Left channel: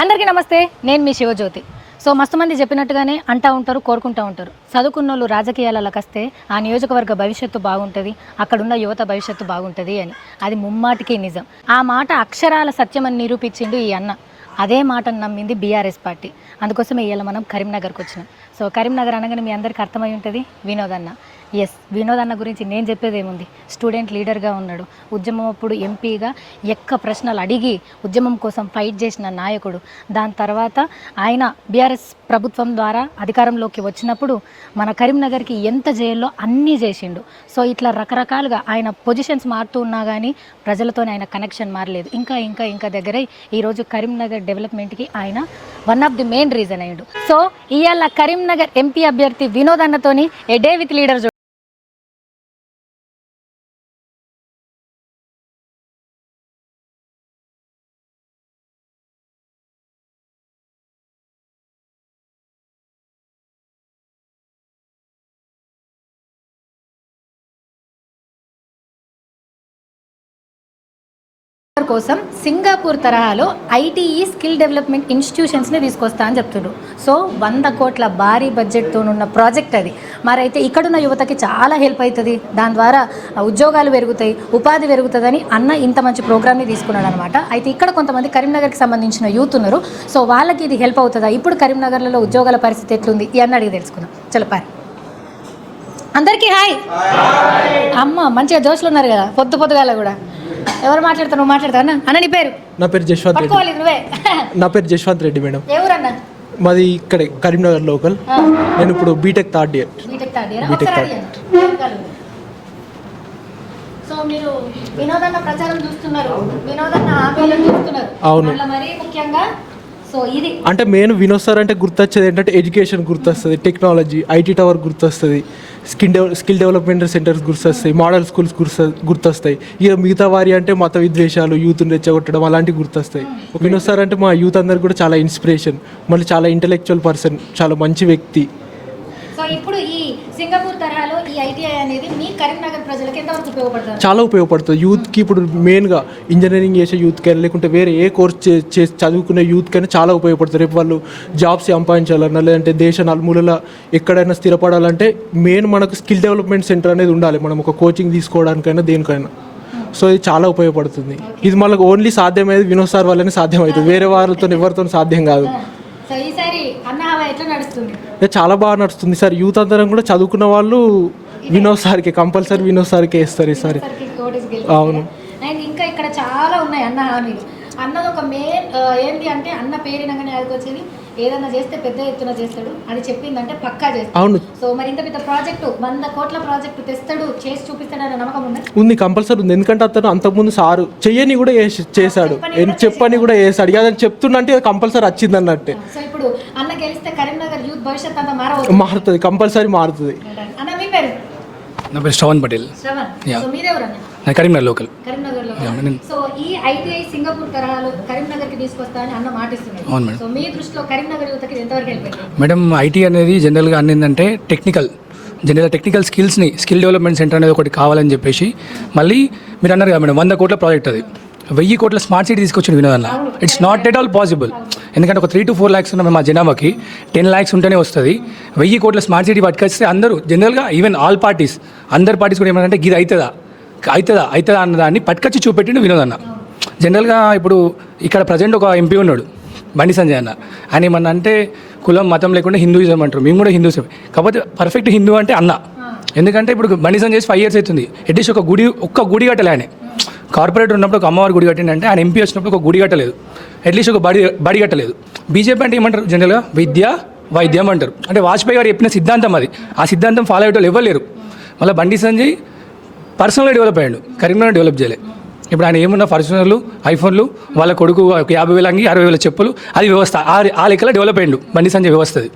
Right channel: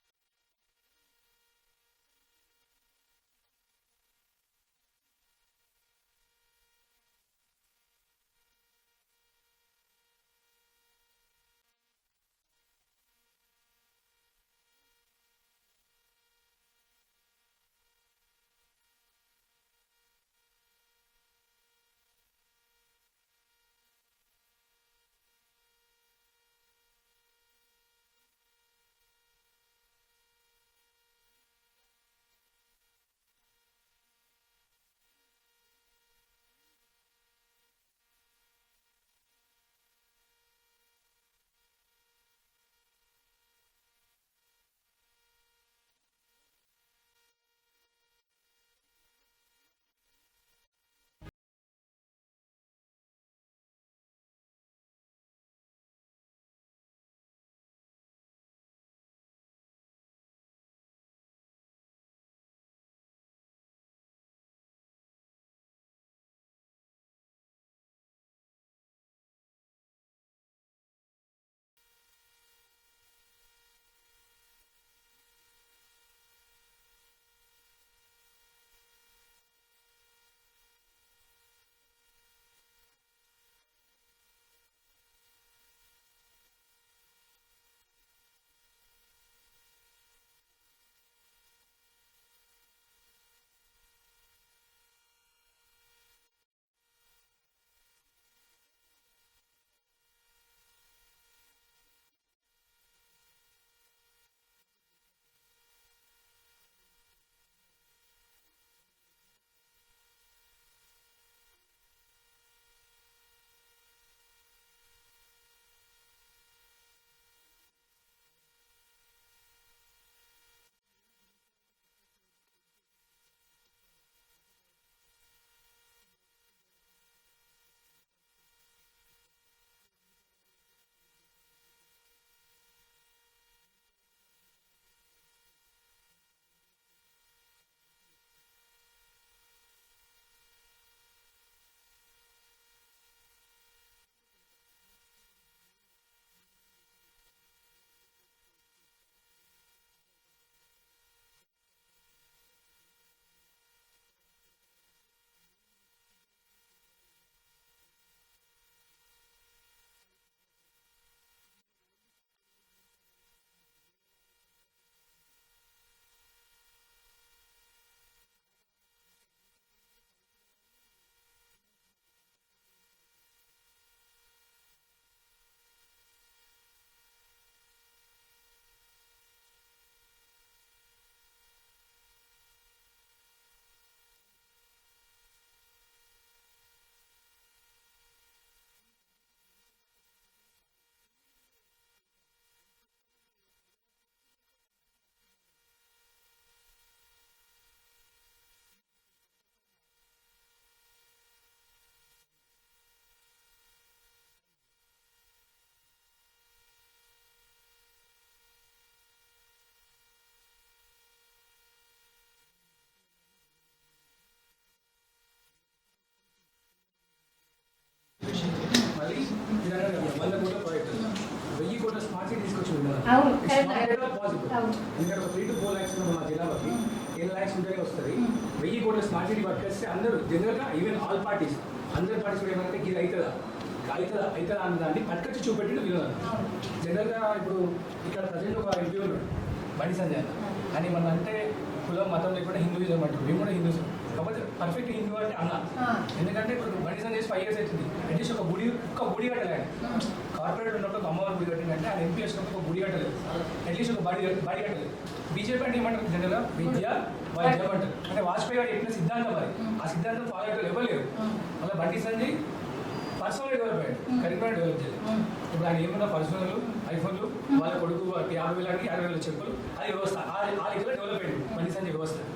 అందరికీ నమస్తే, నేను మీ శివజ్యోతి. సో మస్తు మంది చెప్పినట్టుగానే అంటూ ఉంటారు, కోరుకుంటూ ఉంటారు. చదువుకున్నోళ్ళు రాజకీయాలకు వస్తే ఆ నియోజకవర్గ భవిష్యత్తు బాగుంటుంది, అక్కడున్న యువత భవిష్యత్తు బాగుంటుంది అని. అది ముమ్మాటికి నిజం. ఆ మాట అక్షరాల సత్యమని నిరూపించిండు ఈ అన్న. అదే మాటను నమ్మింది బీఆర్ఎస్ పార్టీ. అందుకోసమే ఇవాళ మనం కరీంనగర్కి వచ్చినాం. సో కరీంనగర్ అనగానే మీ అందరికీ అర్థమై ఉంటుంది, వినోద్ అన్న. ఎస్, వినోద్ అన్న గురించి నేను చెప్పేది ఏముంది, స్టూడెంట్ లీడర్గా ఉన్నాడు, ఉద్యమం అప్పుడు ఎంపీగా ప్రశ్నలు అడిగి ఉద్యమం కోసం ఫైట్ చేసిన నాయకుడు. దాని తర్వాత ఆయన బీఆర్ఎస్ ప్రభుత్వం ద్వారా అధికారంలోకి వచ్చినప్పుడు మన కరీంనగర్కి ఎంత చేయాలో అన్నీ చేసిండు. సో ఇట్లా రకరకాలుగా ఆయన పొజిషన్స్ మారుతూ ఉన్నా కానీ ప్రజలతోనే ఆయన కనెక్షన్ మారలేదు. ఇంకా దగ్గర ఈరోజు కరీంనగర్ డెవలప్మెంట్కి ఆయన one of the main reason అయ్యాడు. సో ఇవాళ కరీంనగర్ ఎంపీ అభ్యర్థి వినోద్ అన్నతోని ఏ డే విత్ లీడర్ కోసం సింగపూర్ తరహాలో ఐటీఈ స్కిల్ డెవలప్మెంట్ ఇన్స్టిట్యూషన్స్ని తీసుకొస్తా అని చెప్తున్నారు. సో 100 కోట్ల భారీ బడ్జెట్తో ఉన్న ప్రాజెక్ట్ అది. మరైతే ఇక్కడున్న యువతకి చాలా హెల్ప్ అవుతుంది, దాని ద్వారా ఉద్యోగాలు పెరుగుతాయి, ఉపాధి పెరుగుతుందని అన్న ఇంత మంచి ప్రోగ్రామ్ని తీసుకున్నాడు అనమాట. అయితే ఇక్కడ కొంతమంది కరీంనగర్కి సంబంధించిన యూత్ ఉన్నారు. సో వాళ్ళకి ఇది హెల్ప్ అవుతుందా, ఇప్పుడు కరీంనగర్లో ఉద్యోగాల పరిస్థితి ఎట్లుంది ఈ అన్న అడిగి తెలుసుకుందాం. చలపారి అందరికీ హాయ్. అమ్మ మంచిగా జోష్లు ఉన్నారు కదా, పొద్దుగాల కూడా. ఎవరు మాట్లాడతావు? నువ్వు మాట్లాడతావు అన్న. నీ పేరు? నా పేరు జశ్వంత్ రెడ్డి. నువ్వే? నా పేరు జశ్వంత్ రెడ్డి మేడం. ఎవరన్నా? మాది ఇక్కడే కరీంనగర్ లోకల్. నేను ఇప్పుడు బీటెక్ థర్డ్ ఇయర్. సో మీరు వినోదన్న ప్రచారం చూస్తున్నారు, వినోదన్న హామీలను చూస్తున్నారు. అవును. మరీ ముఖ్యంగా సో ఇది అంటే మెయిన్ వినోద్ సార్ అంటే గుర్తొచ్చేది ఏంటంటే ఎడ్యుకేషన్ గుర్తొస్తుంది, టెక్నాలజీ, ఐటీ టవర్ గుర్తొస్తుంది, స్కిల్ డెవలప్మెంట్ సెంటర్స్ గుర్తొస్తాయి, మోడల్ స్కూల్స్ గుర్తొస్తాయి. ఇక మిగతా వారి అంటే మత విద్వేషాలు, యూత్ని రెచ్చగొట్టడం అలాంటివి గుర్తొస్తాయి. వినోద్ సార్ అంటే మా యూత్ అందరికి కూడా చాలా ఇన్స్పిరేషన్, మళ్ళీ చాలా ఇంటెలెక్చువల్ పర్సన్, చాలా మంచి వ్యక్తి. సో ఇప్పుడు ఈ సింగపూర్ తరహాలో ఈ ఐటీఐ అనేది మీ కరీంనగర్ ప్రజలకు ఎంతవరకు ఉపయోగపడుతుంది? చాలా ఉపయోగపడుతుంది యూత్కి. ఇప్పుడు మెయిన్గా ఇంజనీరింగ్ చేసే యూత్ కానీ లేకుంటే వేరే ఏ కోర్స్ చదువుకునే యూత్ కానీ చాలా ఉపయోగపడుతుంది. రేపు వాళ్ళు జాబ్స్ సంపాదించాలన్నా లేదంటే దేశ నలుమూలల ఎక్కడైనా స్థిరపడాలంటే మెయిన్ మనకు స్కిల్ డెవలప్మెంట్ సెంటర్ అనేది ఉండాలి, మనం ఒక కోచింగ్ తీసుకోవడానికైనా దేనికైనా. సో ఇది చాలా ఉపయోగపడుతుంది. ఇది మనకు ఓన్లీ సాధ్యమయ్యేది వినోద్ సార్ వల్లనే సాధ్యమవుతుంది, వేరే వాళ్ళతో ఎవరితో సాధ్యం కాదు. చాలా బాగా నడుస్తుంది సార్. యూత్ అందరం కూడా చదువుకున్న వాళ్ళు వినోద్ సార్కి కంపల్సరీ వినోద్ సార్కే ఇస్తారు ఈసారి. అవును. అండ్ ఇంకా ఇక్కడ చాలా ఉన్నాయి అన్న హామీలు. అన్నది ఒక మెయిన్ ఏంటి అంటే అన్న పేరినగానే అది వచ్చేది ఏదన్నా చేస్తే పెద్ద ఎత్తున చేస్తాడు అని చెప్పిందంటే పక్కా చేస్తాడు. అవును. సో మరి ఇంత పెద్ద ప్రాజెక్టు 100 కోట్ల ప్రాజెక్టు తెస్తాడు, చేసి చూపిస్తాడు అనే నమ్మకం ఉంది కంపల్సరీ ఉంది. ఎందుకంటే అతను అంతకుముందు సారు చెయ్యని కూడా చేశాడు, చెప్పని కూడా చేశాడు. అదని చెప్తున్నంటే కంపల్సరీ వచ్చింది అన్నట్టే. సో ఇప్పుడు అన్న గెలిస్తే కరీంనగర్ యూత్ భవిష్యత్ అంతా మారుతుంది, కంపల్సరీ మారుతుంది. అన్న మీ పేరు? నా పేరు శ్రవణ్ పటేల్. నేను కరీంనగర్ లోకల్. సో ఈ ఐటీఐ సింగపూర్ తరహాలో కరీంనగర్కి తీసుకొస్తా అని అన్న మాటిస్తున్నాడు. అవును మేడం. సో మీ దృష్టిలో కరీంనగర్ యువతకి ఎంతవరకు హెల్ప్ అవుతుంది? మేడం ఐటీ అనేది జనరల్గా అన్నిందంటే టెక్నికల్ స్కిల్స్ని స్కిల్ డెవలప్మెంట్ సెంటర్ అనేది ఒకటి కావాలని చెప్పేసి మళ్ళీ మీరు అన్నారు కదా మేడం 100 కోట్ల ప్రాజెక్ట్ అది. 1000 కోట్ల స్మార్ట్ సిటీ తీసుకొచ్చిన వినోదన్న. It's not at all possible. ఎందుకంటే ఒక 3 to 4 lakhs ఉన్న మా జనాభాకి 10 lakhs ఉంటేనే వస్తుంది. 1000 కోట్ల స్మార్ట్ సిటీ పట్టుకొస్తే అందరూ జనరల్గా ఈవెన్ ఆల్ పార్టీస్ అందరు పార్టీస్ కూడా ఏమంటే ఇది అవుతుందా అన్న దాన్ని పట్టుకొచ్చి చూపెట్టిండు వినోదన్న. జనరల్గా ఇప్పుడు ఇక్కడ ప్రజెంట్ ఒక ఎంపీ ఉన్నాడు బండి సంజయ్ అన్న. ఆయన ఏమన్నా అంటే కులం మతం లేకుండా హిందూయిజం అంటారు, మేము కూడా హిందూయిజం. కాకపోతే పర్ఫెక్ట్ హిందూ అంటే అన్న. ఎందుకంటే ఇప్పుడు బండి సంజయ్ 5 years అవుతుంది, అట్లీస్ట్ ఒక్క గుడి కట్టలే. ఆయన కార్పొరేటర్ ఉన్నప్పుడు ఒక అమ్మవారి గుడి కట్టిండంటే, ఆయన ఎంపీ వచ్చినప్పుడు ఒక గుడి కట్టలేదు, అట్లీస్ట్ ఒక బడి కట్టలేదు. బీజేపీ అంటే ఏమంటారు జనరల్గా విద్య వైద్యం అంటారు. అంటే వాజ్పేయి గారు చెప్పిన సిద్ధాంతం అది. ఆ సిద్ధాంతం ఫాలో అయ్యేటోళ్ళు ఎవరు లేరు. మళ్ళీ బండి సంజయ్ పర్సనల్గా డెవలప్ అయ్యాడు, కరీంనగర్ డెవలప్ చేయలేదు. ఇప్పుడు ఆయన ఏమున్న పర్సనల్ ఐఫోన్లు, వాళ్ళ కొడుకు 50,000 అంగి 60,000 చెప్పులు, అది వ్యవస్థ ఆ లెక్కలో డెవలప్ అయ్యాడు బండి సంజయ్ వ్యవస్థది.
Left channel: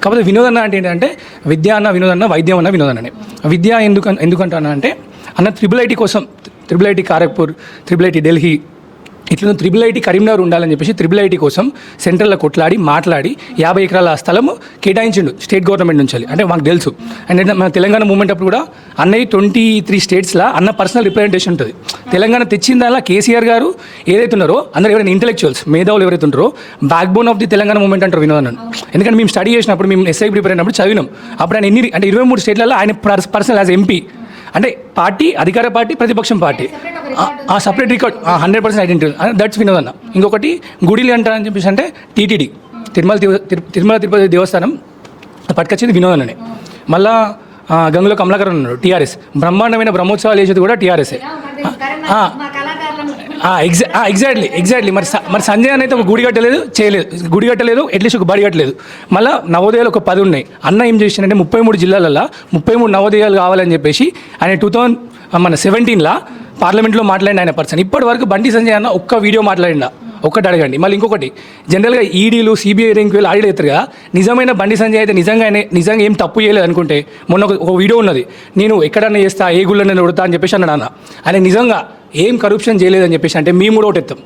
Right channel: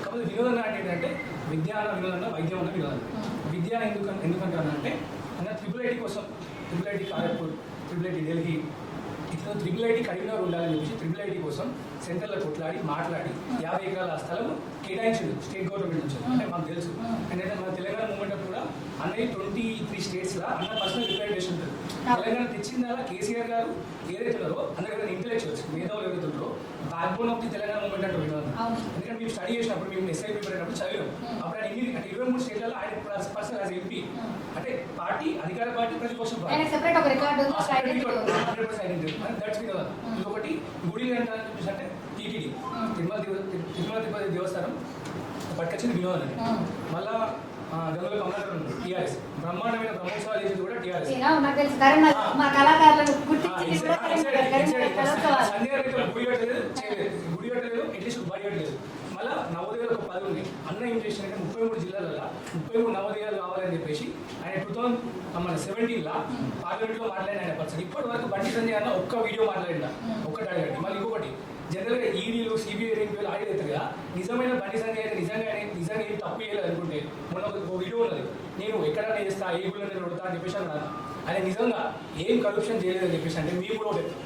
కాకపోతే వినోదన్న అంటే ఏంటంటే విద్య అన్న వినోదన్న, వైద్యం అన్న వినోదన్ననే. విద్య ఎందుకంటానా అంటే అన్న ట్రిపుల్ ఐటీ కోసం, triple IT Kharagpur, triple IT Delhi, ఇట్లా IIIT కరీంనగర్ ఉండాలని చెప్పేసి IIIT కోసం సెంట్రల్లో కొట్లాడి మాట్లాడి 50 ఎకరాల స్థలం కేటాయించిండు స్టేట్ గవర్నమెంట్ నుంచి. అంటే మాకు తెలుసు. అండ్ మన తెలంగాణ మూవ్మెంట్ అప్పుడు కూడా అన్నయ్య 23 స్టేట్స్లో అన్న పర్సనల్ రిప్రజెంటేషన్ ఉంటుంది. తెలంగాణ తెచ్చిందల్లా కేసీఆర్ గారు ఏదైతే ఉన్నారో అందరూ ఎవరైనా ఇంటెలెక్చువల్స్ మేధావులు ఎవరైతే ఉంటారో back bone of the Telangana movement అంటారు వినోద్. ఎందుకంటే మేము స్టడీ చేసినప్పుడు మేము SI ప్రిపేర్ అయినప్పుడు చదివినాం. అప్పుడు ఆయన అంటే 23 స్టేట్లలో ఆయన పర్సనల్ యాజ్ MP అంటే పార్టీ అధికార పార్టీ ప్రతిపక్షం party separate record 100% identity that's Vinod అన్న. ఇంకొకటి గుడిలు అంటారని చెప్పేసి అంటే TTD తిరుమల తిరుపతి దేవస్థానం పట్టుకొచ్చింది వినోద్ అన్ననే. మళ్ళా గంగుల కమలాకర్ ఉన్నాడు TRS. బ్రహ్మాండమైన బ్రహ్మోత్సవాలు చేసేది కూడా TRS. ఎగ్జాక్ట్లీ మరి సంజయ్ అని అయితే ఒక గుడి కట్టలేదు అట్లీస్ట్ ఒక బడి కట్టలేదు. మళ్ళీ నవోదయాలు ఒక 10 ఉన్నాయి. అన్న ఏం చేసిందంటే 33 జిల్లాలలో 33 నవోదయాలు కావాలని చెప్పేసి ఆయన 2017లో పార్లమెంట్లో మాట్లాడిన ఆయన పర్సన్. ఇప్పటి వరకు బండి సంజయ్ అన్న ఒక్క వీడియో మాట్లాడినా ఒక్కటి అడగండి. మళ్ళీ ఇంకొకటి జనరల్గా ఈడీలు CBI ర్యాంకులు ఆడిలు ఎత్తారు కదా, నిజమైన బండి సంజయ్ అయితే నిజంగా ఏం తప్పు చేయలేదు అనుకుంటే మొన్న ఒక వీడియో ఉన్నది, నేను ఎక్కడన్నా చేస్తా ఏ గుళ్ళని కొడతా అని చెప్పేసి అన్నాడు అన్న. ఆయన నిజంగా ఏం కరప్షన్ చేయలేదని చెప్పేసి అంటే మేము కూడా ఒకటి ఎత్తాం.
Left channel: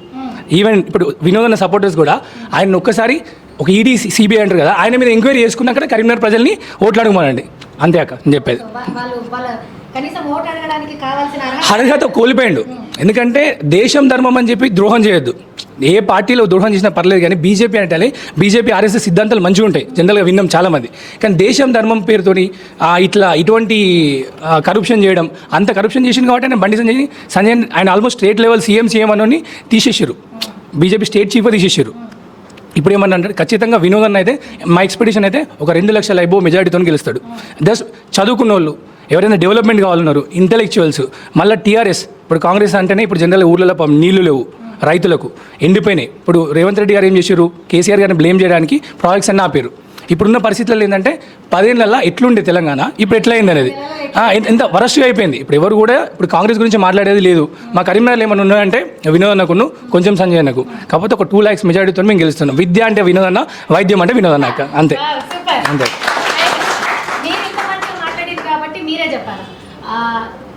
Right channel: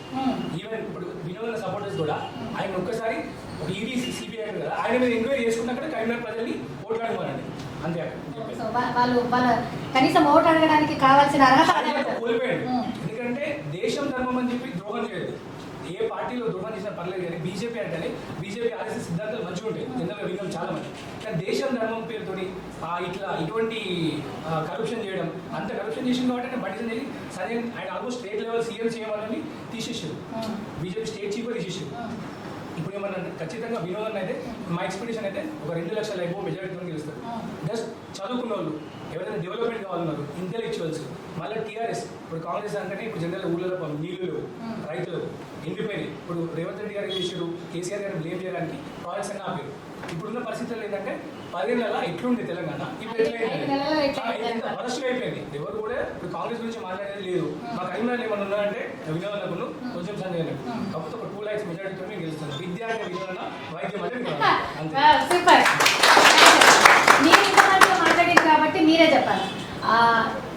ఈవెన్ ఇప్పుడు వినోదన్న సపోర్టర్స్ కూడా ఆయన ఒక్కసారి ఒక ఈడీ CBI అంటారు కదా, ఆయన మీద ఎంక్వైరీ చేసుకున్నాక కరీంనగర్ ప్రజల్ని ఓట్లాడమనండి. అంతే అక్క నేను చెప్పేది. అర్హత కోల్పోయాడు. ఎందుకంటే దేశం ధర్మం అని చెప్పి ద్రోహం చేయొద్దు. ఏ పార్టీలో ద్రోహం చేసినా పర్లేదు, కానీ బీజేపీ అంటే బీజేపీ RSS సిద్ధాంతాలు మంచిగా ఉంటాయి జనరల్గా విన్నాం చాలామంది. కానీ దేశం ధర్మం పేరుతోని ఇటువంటి కరప్షన్ చేయడం, అంత కరప్షన్ చేసింది కాబట్టి ఆయన బండి సంజయ్ ఆయన ఆల్మోస్ట్ స్టేట్ లెవెల్ సీఎం అని తీసేసారు. బీజేపీ స్టేట్ చీఫ్ తీసేసారు. ఇప్పుడు ఏమన్నా అంటే ఖచ్చితంగా వినోదన్న అయితే మా ఎక్స్పెక్టేషన్ అయితే ఒక 2 లక్షల అబో మెజారిటీతో గెలుస్తాడు. జస్ట్ చదువుకున్న వాళ్ళు ఎవరైనా డెవలప్మెంట్ కావాలన్నారు, ఇంటెలెక్చువల్స్. మళ్ళీ TRS ఇప్పుడు కాంగ్రెస్ అంటేనే ఇప్పుడు జనరల్ ఊర్లలో నీళ్లు లేవు, రైతులకు ఎండిపోయినాయి. ఇప్పుడు రేవంత్ రెడ్డి గారు ఏం చేశారు, కేసీఆర్ గారిని బ్లేమ్ చేయడానికి ప్రాజెక్ట్స్ అన్నీ ఆపారు. ఇప్పుడున్న పరిస్థితుల్లో ఏంటంటే 10 ఏళ్ళల్లో ఎట్లుండే తెలంగాణ ఇప్పుడు ఎట్లయింది అనేది ఎంత వరస్ట్గా అయిపోయింది. ఇప్పుడు ఎవరు కూడా ఇప్పుడు కాంగ్రెస్ గురించి మాట్లాడేది లేదు. మా కరీంనగర్లో ఏమైనా ఉన్నాయంటే వినోద్ అన్నకును కొంచెం సంజయ్ అన్నకు. కాకపోతే ఒక 2 lakhs మెజారిటీతో మేము గెలుస్తున్నాం. విద్య అంటే వినోద్ అన్న, వైద్యం అంటే వినోద్ అన్న. అంతే అంతే.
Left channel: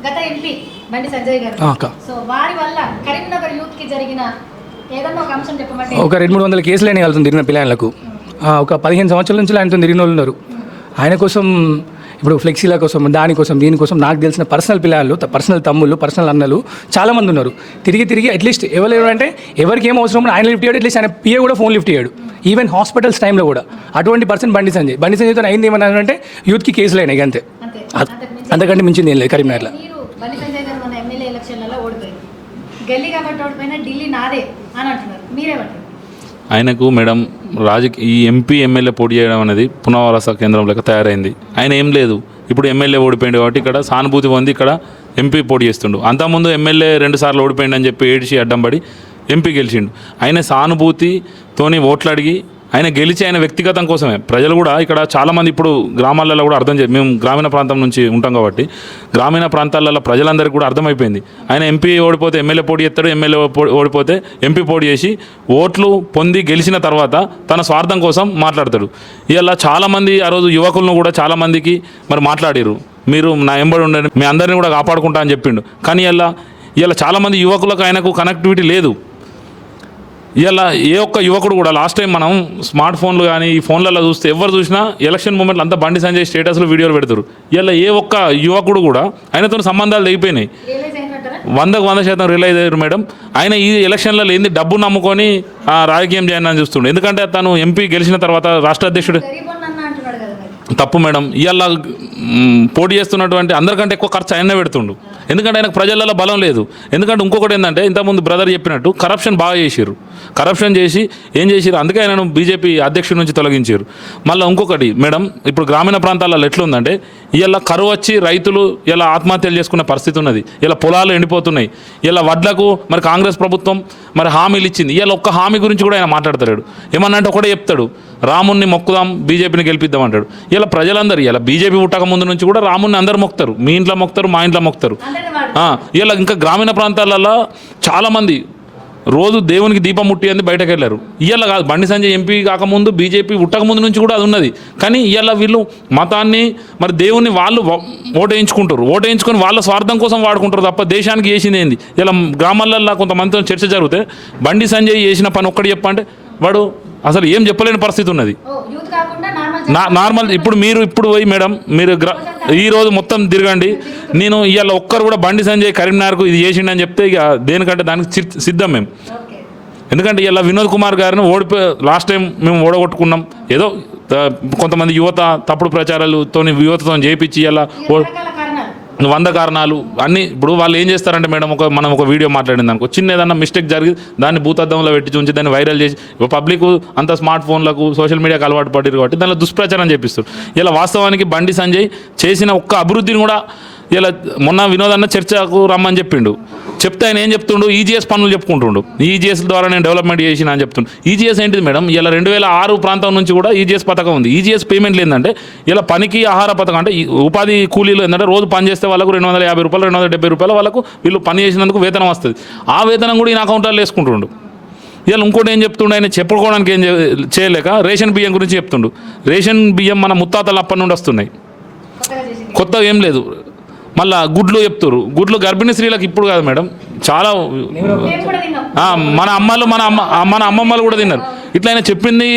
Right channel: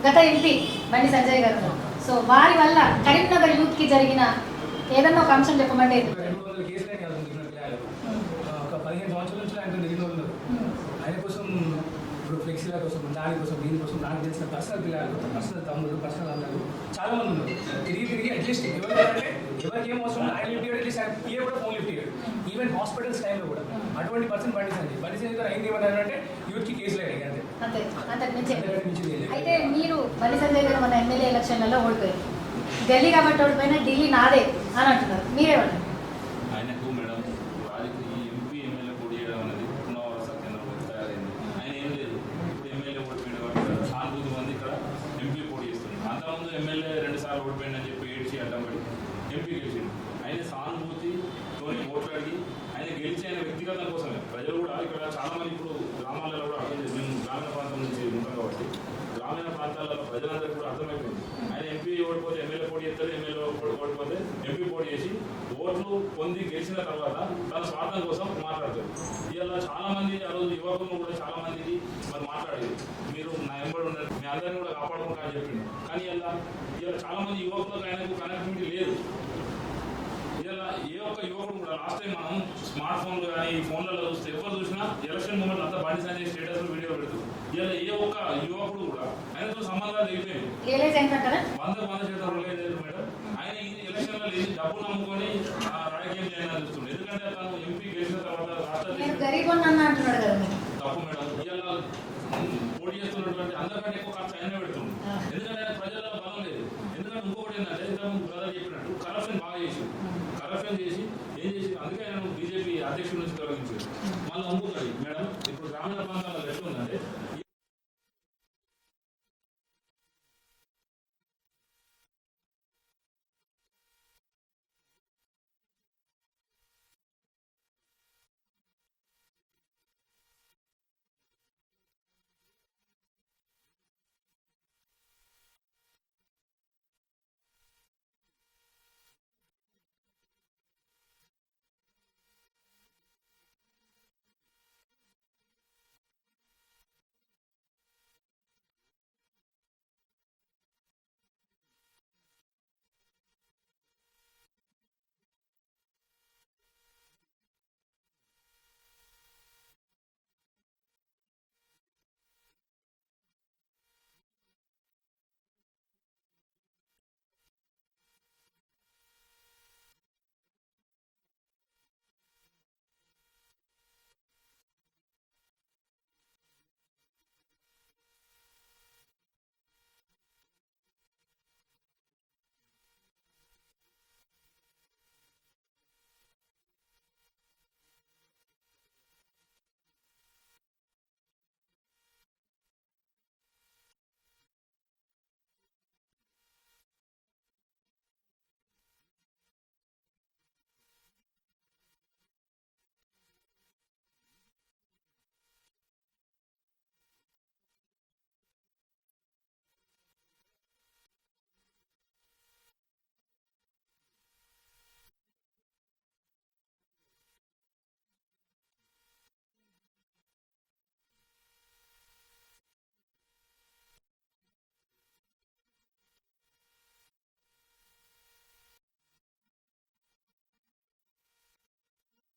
గత ఎంపీ బండి సంజయ్ గారు, సో వారి వల్ల కరీంనగర్ యూత్ కి జరిగిన ఏదన్నా ఒక అంశం చెప్పమండి. ఒక 200-300 కేసులు అయినా వెళ్తుంది తిరిగిన పిల్లలకు. ఒక 15 సంవత్సరాల నుంచి ఆయనతో తిరిగిన వాళ్ళు ఉన్నారు. ఆయన కోసం ఇప్పుడు ఫ్లెక్సీల కోసం దీనికోసం నాకు తెలిసిన పర్సనల్ పిల్లలు, పర్సనల్ తమ్ముళ్ళు, పర్సనల్ అన్నలు చాలామంది ఉన్నారు. తిరిగి అట్లీస్ట్ ఎవరంటే ఎవరికి ఏం అవసరం ఆయన లిఫ్ట్ చేయడు, అట్లీస్ట్ ఆయన PA కూడా ఫోన్ లిఫ్ట్ చేయడు. ఈవెన్ హాస్పిటల్స్ టైంలో కూడా అటువంటి పర్సన్ బండి సంజయ్తో అయింది ఏమన్నా అంటే యూత్కి కేసులు అయినాయి అంతే. అంతకంటే మించింది ఏం లేదు కరీంనగర్లో. బండి సంజయ్ గారు మన ఎమ్మెల్యే ఎలక్షన్లలో ఓడిపోయారు. గల్లీ కాబట్టి ఓడిపోయినా ఢిల్లీ నాదే అని అంటున్నారు, మీరేమంటారు? ఆయనకు మేడం ఈ MP ఎమ్మెల్యే పోటీ చేయడం అనేది పునరావాస కేంద్రం లెక్క తయారైంది. ఆయన ఏం లేదు, ఇప్పుడు ఎమ్మెల్యే ఓడిపోయింది కాబట్టి ఇక్కడ సానుభూతి పొంది ఇక్కడ MP పోటీ చేస్తుండు. అంతకుముందు ఎమ్మెల్యే 2 సార్లు ఓడిపోయింది అని చెప్పి ఏడిచి అడ్డం పడి MP గెలిచిండు. ఆయన సానుభూతితోని ఓట్లు అడిగి ఆయన గెలిచి ఆయన వ్యక్తిగతం కోసమే. ప్రజలు కూడా ఇక్కడ చాలామంది ఇప్పుడు గ్రామాలలో కూడా అర్థం చేసి, మేము గ్రామీణ ప్రాంతం నుంచి ఉంటాం కాబట్టి గ్రామీణ ప్రాంతాలలో ప్రజలందరికీ కూడా అర్థమైపోయింది. ఆయన MP ఓడిపోతే ఎమ్మెల్యే పోటీ చేస్తాడు, ఎమ్మెల్యే ఓడిపోతే MP పోటీ చేసి ఓట్లు పొంది గెలిచిన తర్వాత తన స్వార్థం కోసం మాట్లాడతాడు. ఇలా చాలామంది ఆ రోజు యువకులను కూడా చాలామందికి మరి మాట్లాడారు, మీరు నా ఎంబడి ఉండండి, మీ అందరినీ కూడా కాపాడుకుంటా అని చెప్పిండు. కానీ ఇలా చాలామంది యువకులకు ఆయనకు కనెక్టివిటీ లేదు. ఇలా ఏ ఒక్క యువకుడు కూడా లాస్ట్ టైం మనం స్మార్ట్ ఫోన్లు కానీ ఈ ఫోన్లలో చూస్తే ఎవరు చూసినా ఎలక్షన్ మూమెంట్లు అంతా బండి సంజయ్ స్టేటస్లో వీడియోలు పెడతారు. ఇలా ఏ ఒక్క యువకుడు కూడా ఆయనతో సంబంధాలు తెగిపోయినాయి. 100% రియలైజ్ అయ్యారు మేడం. ఆయన ఈ ఎలక్షన్లలో ఏంది డబ్బు నమ్ముకొని రాజకీయం చేయాలని చూస్తుండే. ఎందుకంటే తను MP గెలిచిన తర్వాత రాష్ట్ర అధ్యక్షుడు తప్పు మేడం. ఇవాళ పోటీ చేస్తున్నటువంటి అందరికంటే ఎక్కువ ఖర్చు ఆయనే పెడుతుండు. ఎందుకంటే ఆయనకు ప్రజలలో బలం లేదు. ఎందుకంటే ఇంకొకటి ఏంటంటే ఇంతకుముందు బ్రదర్ చెప్పినట్టు కరప్షన్ బాగా చేసారు. కరప్షన్ చేసి ఏం చేసారు, అందుకే ఆయనను BJP అధ్యక్షుడి నుంచి తొలగించారు. మళ్ళీ ఇంకొకటి మేడం, ఇప్పుడు గ్రామీణ ప్రాంతాలలో ఎట్లుందంటే ఇలా కరువు వచ్చి రైతులు ఇలా ఆత్మహత్యలు చేసుకునే పరిస్థితి ఉన్నది. ఇలా పొలాలు ఎండిపోతున్నాయి. ఇలా వడ్లకు మరి కాంగ్రెస్ ప్రభుత్వం మరి హామీలు ఇచ్చింది. ఇలా ఒక్క హామీ గురించి కూడా ఆయన మాట్లాడతాడు. ఏమన్నా అంటే ఒకటే చెప్తాడు, రాముణ్ణి మొక్కుదాం, BJPని గెలిపిద్దాం అంటాడు. ఇలా ప్రజలందరూ ఇలా BJP పుట్టక ముందు నుంచి కూడా రాముణ్ణి అందరు మొక్కుతారు. మీ ఇంట్లో మొక్కుతారు, మా ఇంట్లో మొక్కుతారు. ఇలా ఇంకా గ్రామీణ ప్రాంతాలలో చాలామంది రోజు దేవునికి దీపం ముట్టి అని బయటకు వెళ్ళారు. ఇవాళ కాదు, బండి సంజయ్ ఎంపీ కాకముందు బీజేపీ ఉట్టకముందు నుంచి కూడా అది ఉన్నది. కానీ ఇవాళ వీళ్ళు మతాన్ని మరి దేవుని వాళ్ళు ఓటేయించుకొని వాళ్ళ స్వార్థం కోసం వాడుకుంటారు తప్ప దేశానికి చేసింది ఏంది? ఇలా గ్రామాలల్లో కొంతమందితో చర్చ జరిగితే బండి సంజయ్ చేసిన పని ఒక్కటి చెప్పంటే వాడు అసలు ఏం చెప్పలేని పరిస్థితి ఉన్నది. నార్మల్ ఇప్పుడు పోయి మేడం మీరు ఈరోజు మొత్తం తిరగండి, నేను ఇవాళ ఒక్కరు కూడా బండి సంజయ్ కరీంనగర్కు ఇది చేసిండని చెప్తే ఇక దేనికంటే దానికి సిద్ధం మేము. ఎందుకంటే ఇలా వినోద్ కుమార్ గారిని లాస్ట్ టైం మేము ఓడగొట్టుకున్నాం. ఏదో కొంతమంది యువత తప్పుడు ప్రచారాలతో యువతతో చేయించి ఇలా 100 కారణాలు అన్నీ. ఇప్పుడు వాళ్ళు ఏం చేస్తారంటే మేడం, మనం ఒక వీడియో మాట్లాడింది అనుకో, చిన్న ఏదన్నా మిస్టేక్ జరిగి దాన్ని భూతద్దంలో పెట్టి చూంచి దాన్ని వైరల్ చేసి పబ్లిక్ అంత స్మార్ట్ ఫోన్లకు సోషల్ మీడియాకి అలవాటు పడ్డారు కాబట్టి దానిలో దుష్ప్రచారం చేపిస్తారు. ఇలా వాస్తవానికి బండి సంజయ్ చేసిన ఒక్క అభివృద్ధిని కూడా ఇలా మొన్న వినోదన్న చర్చకు రమ్మని చెప్పిండు. చెప్తే ఆయన ఏం చెప్తుండు, ఈజీఎస్ పనులు చెప్పుకుంటుండు. ఈజీఎస్ ద్వారా నేను డెవలప్మెంట్ చేసిన అని చెప్తుండు. ఈజీఎస్ ఏంటిది మేడం? ఇలా 2006 ప్రాంతం నుంచి కూడా ఈజీఎస్ పథకం ఉంది. ఈజీఎస్ పేమెంట్లు ఏంటంటే ఇలా పనికి ఆహార పథకం, అంటే ఉపాధి కూలీలు ఏంటంటే రోజు పని చేస్తే వాళ్ళకు 250 రూపాయలు 270 రూపాయలు వాళ్ళకు వీళ్ళు పని చేసినందుకు వేతనం వస్తుంది. ఆ వేతనం కూడా ఈయన అకౌంట్లో వేసుకుంటుండు. ఇలా ఇంకోటి ఏం చెప్తుండు, ఆయన చెప్పుకోవడానికి ఏం చేయలేక రేషన్ బియ్యం గురించి చెప్తుండు. రేషన్ బియ్యం మన ముత్తాతలు అప్పటి నుండి వస్తున్నాయి, కొత్తగా ఏం లేదు. మళ్ళీ గుడ్లు చెప్తారు. గుడ్లు గర్భిణీ స్త్రీలకు ఇప్పుడు కాదు మేడం, చాలా మన అమ్మమ్మలు కూడా తిన్నారు. ఇట్లా ఆయన చెప్పింది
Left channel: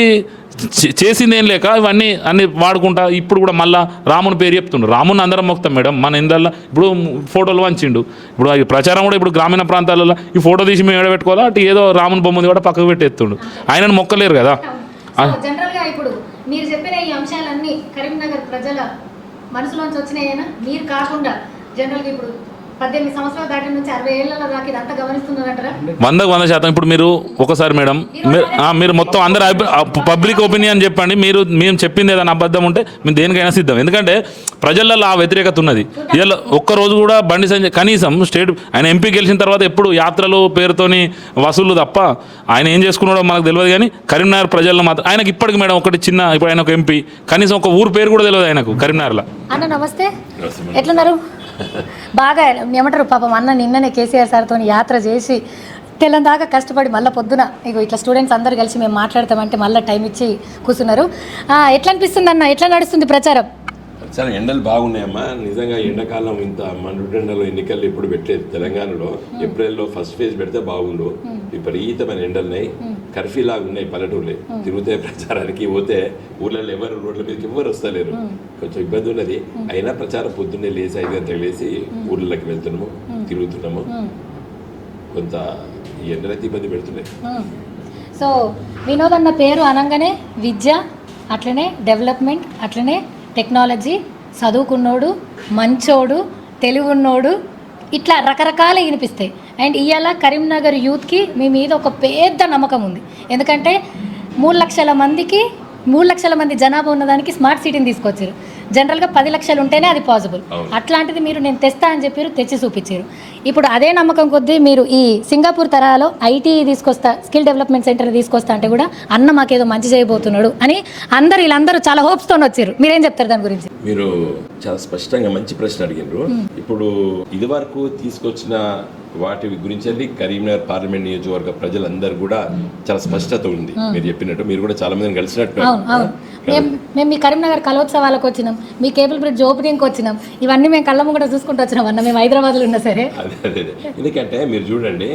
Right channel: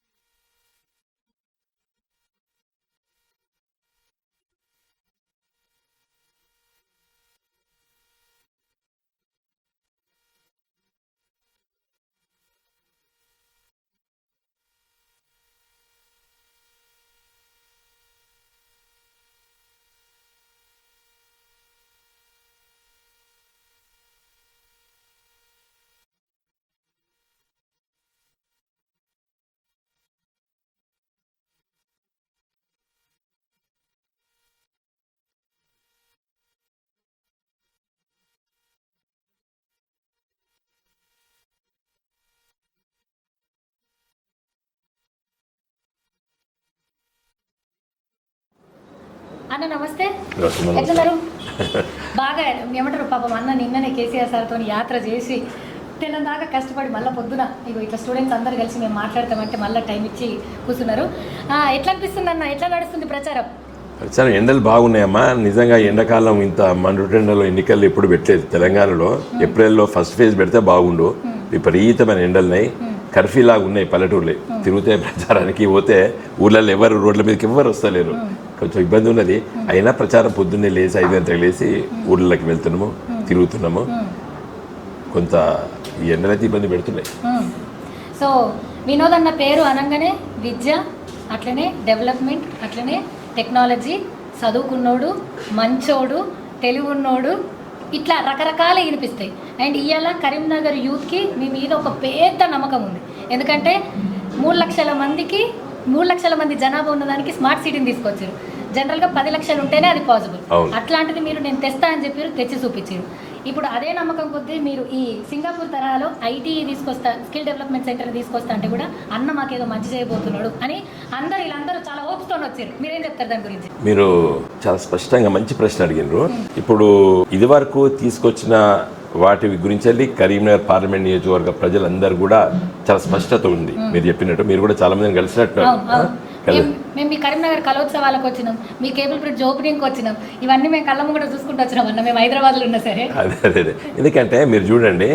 చేసింది ఏం లేక ఇవన్నీ అన్ని వాడుకుంటా ఇప్పుడు కూడా మళ్ళీ రాముని పేరు చెప్తుండ్రు. రాముని అందరం మొక్తాం మేడం. మన ఇందల్లో ఇప్పుడు ఫోటోలు వంచిండు. ఇప్పుడు ఈ ప్రచారం కూడా ఇప్పుడు గ్రామీణ ప్రాంతాలలో ఈ ఫోటో తీసి మేము ఎడబెట్టుకోవాలా, అటు ఏదో రాముని బొమ్మది కూడా పక్కకు పెట్టేస్తుండు. ఆయనను మొక్కలేరు కదా. జనరల్గా ఇప్పుడు మీరు చెప్పిన ఈ అంశాలన్నీ కరీంనగర్ ప్రజల మనసులోంచి వచ్చినాయేనా? మీరు కాకుండా జనరల్గా ఇప్పుడు 18 సంవత్సరాల దాటి నుంచి 60 ఏళ్ళ దాకా ఇదంతా గమనిస్తున్నారంటారా? 100% ఇప్పుడు మీరు ఒకసారి మేడం మీరు మొత్తం అందరు పబ్లిక్ ఒపీనియన్ చెప్పండి. మేము చెప్పింది ఏదైనా అబద్ధం ఉంటే మేము దేనికైనా సిద్ధం. ఎందుకంటే ప్రజలలో ఆ వ్యతిరేకత ఉన్నది. ఇలా ఒక్కరోజు కూడా బండి సంజయ్ కనీసం ఆయన ఎంపీ గెలిచిన తర్వాత ఎప్పుడు యాత్రలు పేరుతోని వసూళ్ళు తప్ప ఆయన ఏం చేసుకున్నాడో మనకు తెలియదు. కానీ కరీంనగర్ ప్రజల్లో మాత్రం ఆయనకి ఇప్పటికి మేడం ఒకటి చిన్న, ఇప్పుడు ఆయన ఒక ఎంపీ, కనీసం ఒక ఊరు పేరు కూడా తెలియదు ఆయనకు కరీంనగర్లో. అన్న నమస్తే, ఎట్లున్నారు? బాగా ఏమంటారు పాపం అన్న నిన్ననే కేసీఆర్ సార్తో యాత్ర చేసి తెల్లని దాకా కష్టపడి మళ్ళీ పొద్దున ఇగో ఇట్లా స్టూడెంట్స్ అందరు కలిసి మేము మాట్లాడతామంటే మళ్ళీ టైం ఇచ్చి కూర్చున్నారు. ఎట్లా అనిపిస్తుంది అన్న, ఎట్లా నడుస్తుంది ప్రచారం? సరే, ఎండలు బాగున్నాయమ్మా. నిజంగా ఎండాకాలం ఇంత మండుటెండలో ఎన్నికలు ఇప్పుడు పెట్టలేదు తెలంగాణలో. ఏప్రిల్లో ఫస్ట్ ఫేజ్ పెడితే బాగుండు. విపరీతమైన ఎండలున్నాయి, కర్ఫ్యూ లాగా ఉన్నాయి పల్లెటూర్లు. తిరుగుతే ప్రచారానికి పోతే ఊళ్ళల్లో ఎవరు రోడ్ల మీదకి ఎవరు వస్తలేరు, కొంచెం ఇబ్బంది ఉన్నది. అయినా ప్రచారం పొద్దున్నే లేచి 5 గంటలకు లేచి ఊళ్ళకి వెళ్తున్నాము, తిరుగుతున్నాము. కొంత ఈ ఎండలైతే ఇబ్బంది పెడుతున్నాయి. సో వినోదన్న పేరు అనగానే విద్య, అట్లనే డెవలప్మెంట్, అట్లనే టెక్నాలజీ, చదువుకున్నోడు, మంచోడు, తెలివి ఉన్నోడు, ఇట్లా రకరకాలు వినిపిస్తాయి. అండ్ ఇవాళ కరీంనగర్ యూత్కి మీ మీద ఒక పెద్ద నమ్మకం ఉంది. ఎందుకంటే 3 లక్షల మంది జనాభా ఉన్నదానికి స్మార్ట్ సిటీని తీసుకొచ్చారు. జనరల్గా 10 లక్షలు ఉంటేనే అది పాసిబుల్. అట్లాంటిది మీరు నేను తెస్తా అని చెప్పారు, తెచ్చి చూపించారు. ఇప్పుడు అదే నమ్మకం కొద్దీ మీరు ఈ సింగపూర్ తరహాలో ఐటీ తీసుకొస్తా, స్కిల్ డెవలప్మెంట్ సెంటర్ తీసుకొస్తా అంటే కూడా అన్న మాకేదో మంచి చేయబోతున్నాడు అని వీళ్ళందరూ చాలా హోప్స్తో వచ్చారు. మీరేం చెప్తారు దాని గురించి? మీరు చాలా స్పష్టంగా మంచి ప్రశ్న అడిగినారు. ఇప్పుడు ఇది వరకు తీసుకొచ్చిన వాటి గురించి కరీంనగర్ పార్లమెంట్ నియోజకవర్గ ప్రజలందరూ కూడా చాలా స్పష్టత ఉంది. మీరు చెప్పినట్టు మీరు కూడా చాలా మందిని కలిసినట్టు. మేము మీ కరీంనగర్ కలోత్సవాలకు వచ్చినాం, మీ కేబుల్ బ్రిడ్జ్ ఓపెనింగ్కి వచ్చినాం, ఇవన్నీ మేము కళ్ళమ్మ కూడా చూసుకుంటూ వచ్చినాం అన్న. మేము హైదరాబాద్లో ఉన్నా సరే. అదే ఎందుకంటే మీరు చూడండి,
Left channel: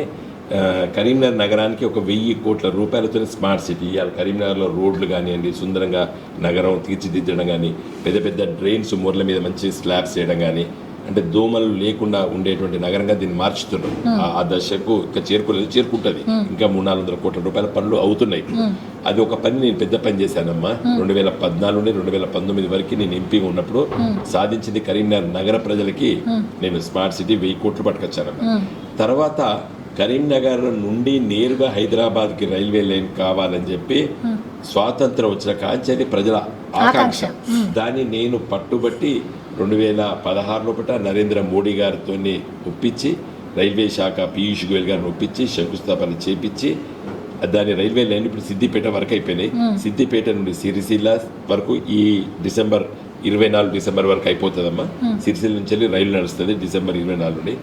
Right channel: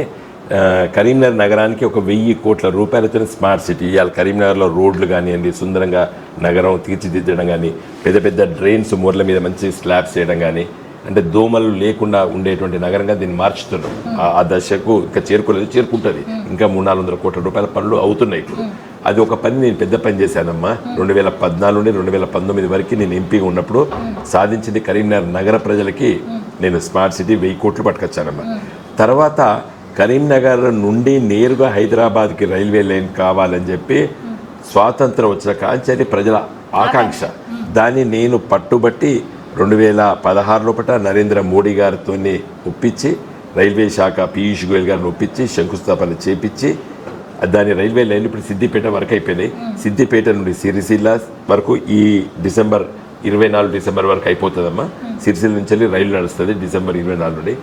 కరీంనగర్ నగరానికి 1000 కోట్ల రూపాయలతో స్మార్ట్ సిటీ ఇవ్వాలి. కరీంనగర్లో రోడ్లు కానివ్వండి, సుందరంగా నగరం తీర్చిదిద్దడం కానీ, పెద్ద పెద్ద డ్రైన్స్ మూర్ల మీద మంచి స్లాబ్స్ చేయడం కానీ, అంటే దోమలు లేకుండా ఉండేటువంటి నగరంగా దీన్ని మార్చుతున్నాం. ఆ దశకు ఇంకా చేరుకుంటుంది. ఇంకా 300-400 కోట్ల రూపాయల పనులు అవుతున్నాయి ఇప్పుడు. అది ఒక పని నేను పెద్ద పని చేశానమ్మా. 2014 నుండి 2019 వరకు నేను ఎంపీగా ఉన్నప్పుడు సాధించింది కరీంనగర్ నగర ప్రజలకి నేను స్మార్ట్ సిటీ 1000 కోట్లు పట్టుకొచ్చానమ్మా. తర్వాత కరీంనగర్ నుండి నేరుగా హైదరాబాద్కి రైల్వే లైన్ కావాలని చెప్పి స్వాతంత్రం వచ్చిన కాంచాలి ప్రజల ఆకాంక్ష. దాన్ని నేను పట్టుబట్టి 2016 లోపల నరేంద్ర మోడీ గారితో ఒప్పించి, రైల్వే శాఖ పీయూష్ గోయల్ గారిని ఒప్పించి శంకుస్థాపన చేపించి దాని రైల్వే లైన్ ఇప్పుడు సిద్దిపేట వరకు అయిపోయినాయి. సిద్దిపేట నుండి సిరిసిల్ల వరకు ఈ డిసెంబర్ 24 వరకు అయిపోతుందమ్మా. సిరిసిల్ల నుంచి రైలు నడుస్తుంది డిసెంబర్ 24 నుండి.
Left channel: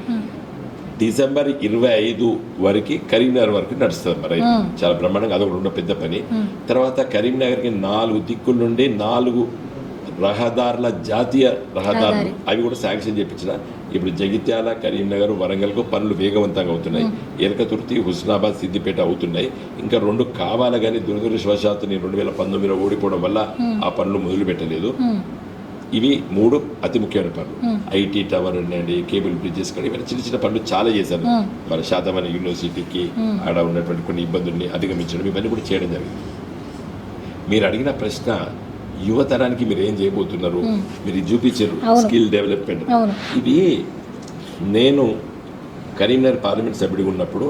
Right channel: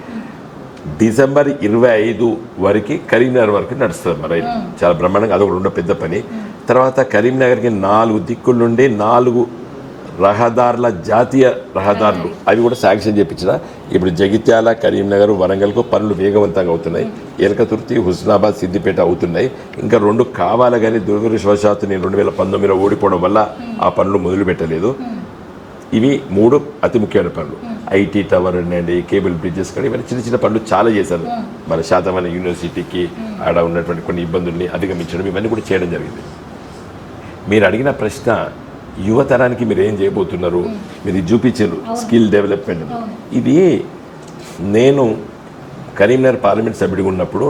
డిసెంబర్ 25 వరకు కరీంనగర్ వరకు నడుస్తుంది మరి చాలా బ్రహ్మాండంగా, అదొక రెండో పెద్ద పని. తర్వాత కరీంనగర్కి 4 దిక్కుల నుండి 4 రహదారుల జాతీయ రహదారులు అవి కూడా శాంక్షన్ చేయించిన. ఇప్పుడు జగిత్యాల, కరీంనగర్, వరంగల్కు పనులు వేగవంతంగా అవుతున్నాయి. ఎలకతుర్తి, హుస్నాబాద్, సిద్దిపేట అవుతున్నాయి. ఇంకా 2 కావాలి కానీ దురదృష్టవశాత్తు నేను 2019లో ఓడిపోవడం వల్ల ఆ పనులు మొదలు పెట్టలేదు. ఇవి 3 అతి ముఖ్యమైన పనులు. ఐటీ టవర్ అండి, కేబుల్ బ్రిడ్జెస్ కానీ ఇవన్నీ చిన్న చిన్న పనులు చాలా చేశారు. మన శాతవాహన యూనివర్సిటీకి ఆడ ఉన్నటువంటి కొన్ని ఇబ్బందుల్ని అధిగమించడం ఇవన్నీ కూడా చేయడం జరిగింది. మీరు అడిగిన ప్రశ్న యువతరానికి మీరు ఏం చేయబోతున్నారు, మీరు ఇది చూపించారు స్కిల్ డెవలప్మెంట్. ఇది నేను కరీంనగర్ పార్లమెంట్ సభ్యుడిగా ఉన్నప్పుడు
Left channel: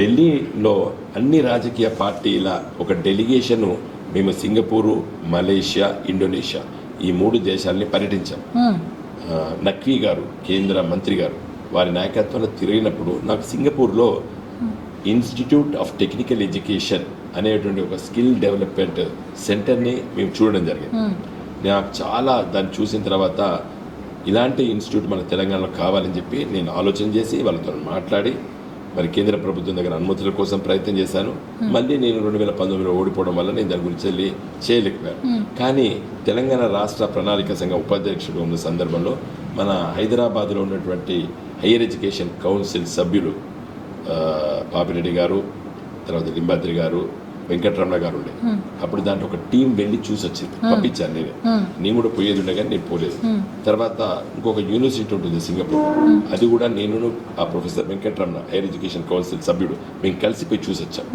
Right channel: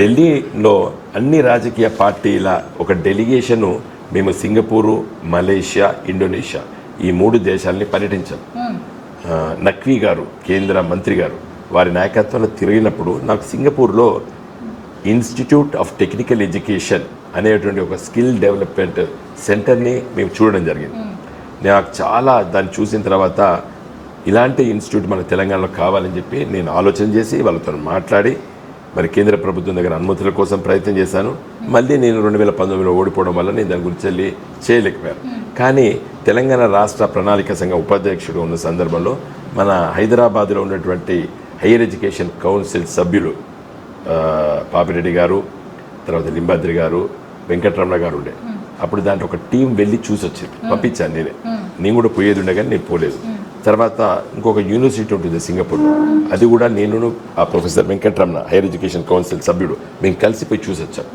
ఢిల్లీలో అన్ని రాజకీయ పార్టీల ఒక డెలిగేషను మేము సింగపూరు, మలేషియా, ఇండోనేషియా ఈ 3 దేశాలని పర్యటించాం. నఖ్వీ గారు, కేంద్ర మంత్రి గారు, వారి నాయకత్వంలో తిరిగినప్పుడు నాకు సింగపూర్లో ఇన్స్టిట్యూట్ ఆఫ్ టెక్నికల్ ఎడ్యుకేషన్ అనేటువంటి ఒక స్కిల్ డెవలప్మెంట్ సెంటర్ని మేము చూడడం జరిగింది. నాకు చాలా దాన్ని చూసిన తర్వాత ఇలాంటి ఇన్స్టిట్యూట్ మన తెలంగాణలో కావాలని చెప్పి నేను ఆలోచన చేసి వాళ్ళతో మాట్లాడి మరి కేంద్ర ప్రభుత్వం దగ్గర అనుమతుల కోసం ప్రయత్నం చేశాను. మళ్ళీ నేను 2019లో ఓడిపోవడం వల్ల నేను దాని గురించి వెళ్ళి చేయలేకపోయాను. కానీ తెలంగాణ రాష్ట్ర ప్రణాళిక సంఘ ఉపాధ్యక్షుడు ఉన్న సందర్భంలో మన హైదరాబాద్లో ఉన్నటువంటి హైయర్ ఎడ్యుకేషన్ కౌన్సిల్ సభ్యులు పాపిరెడ్డి గారు, తర్వాత లింబాద్రి గారు, వెంకటరమణ గారు ఉండే. అప్పుడు దాంట్లో ఒక టీం వెళ్ళి చూసి వచ్చింది, పంపించాను నేనే. నేను కూడా పోయేది ఉండే కానీ నేను పోలేదు. తర్వాత ఇంకొక యూనివర్సిటీ ఉంటుంది సింగపూర్, అది కూడా నేను ఆ professor Venkataramana higher education council సభ్యుడు మేము కలిసిపోయి చూసి వచ్చాం.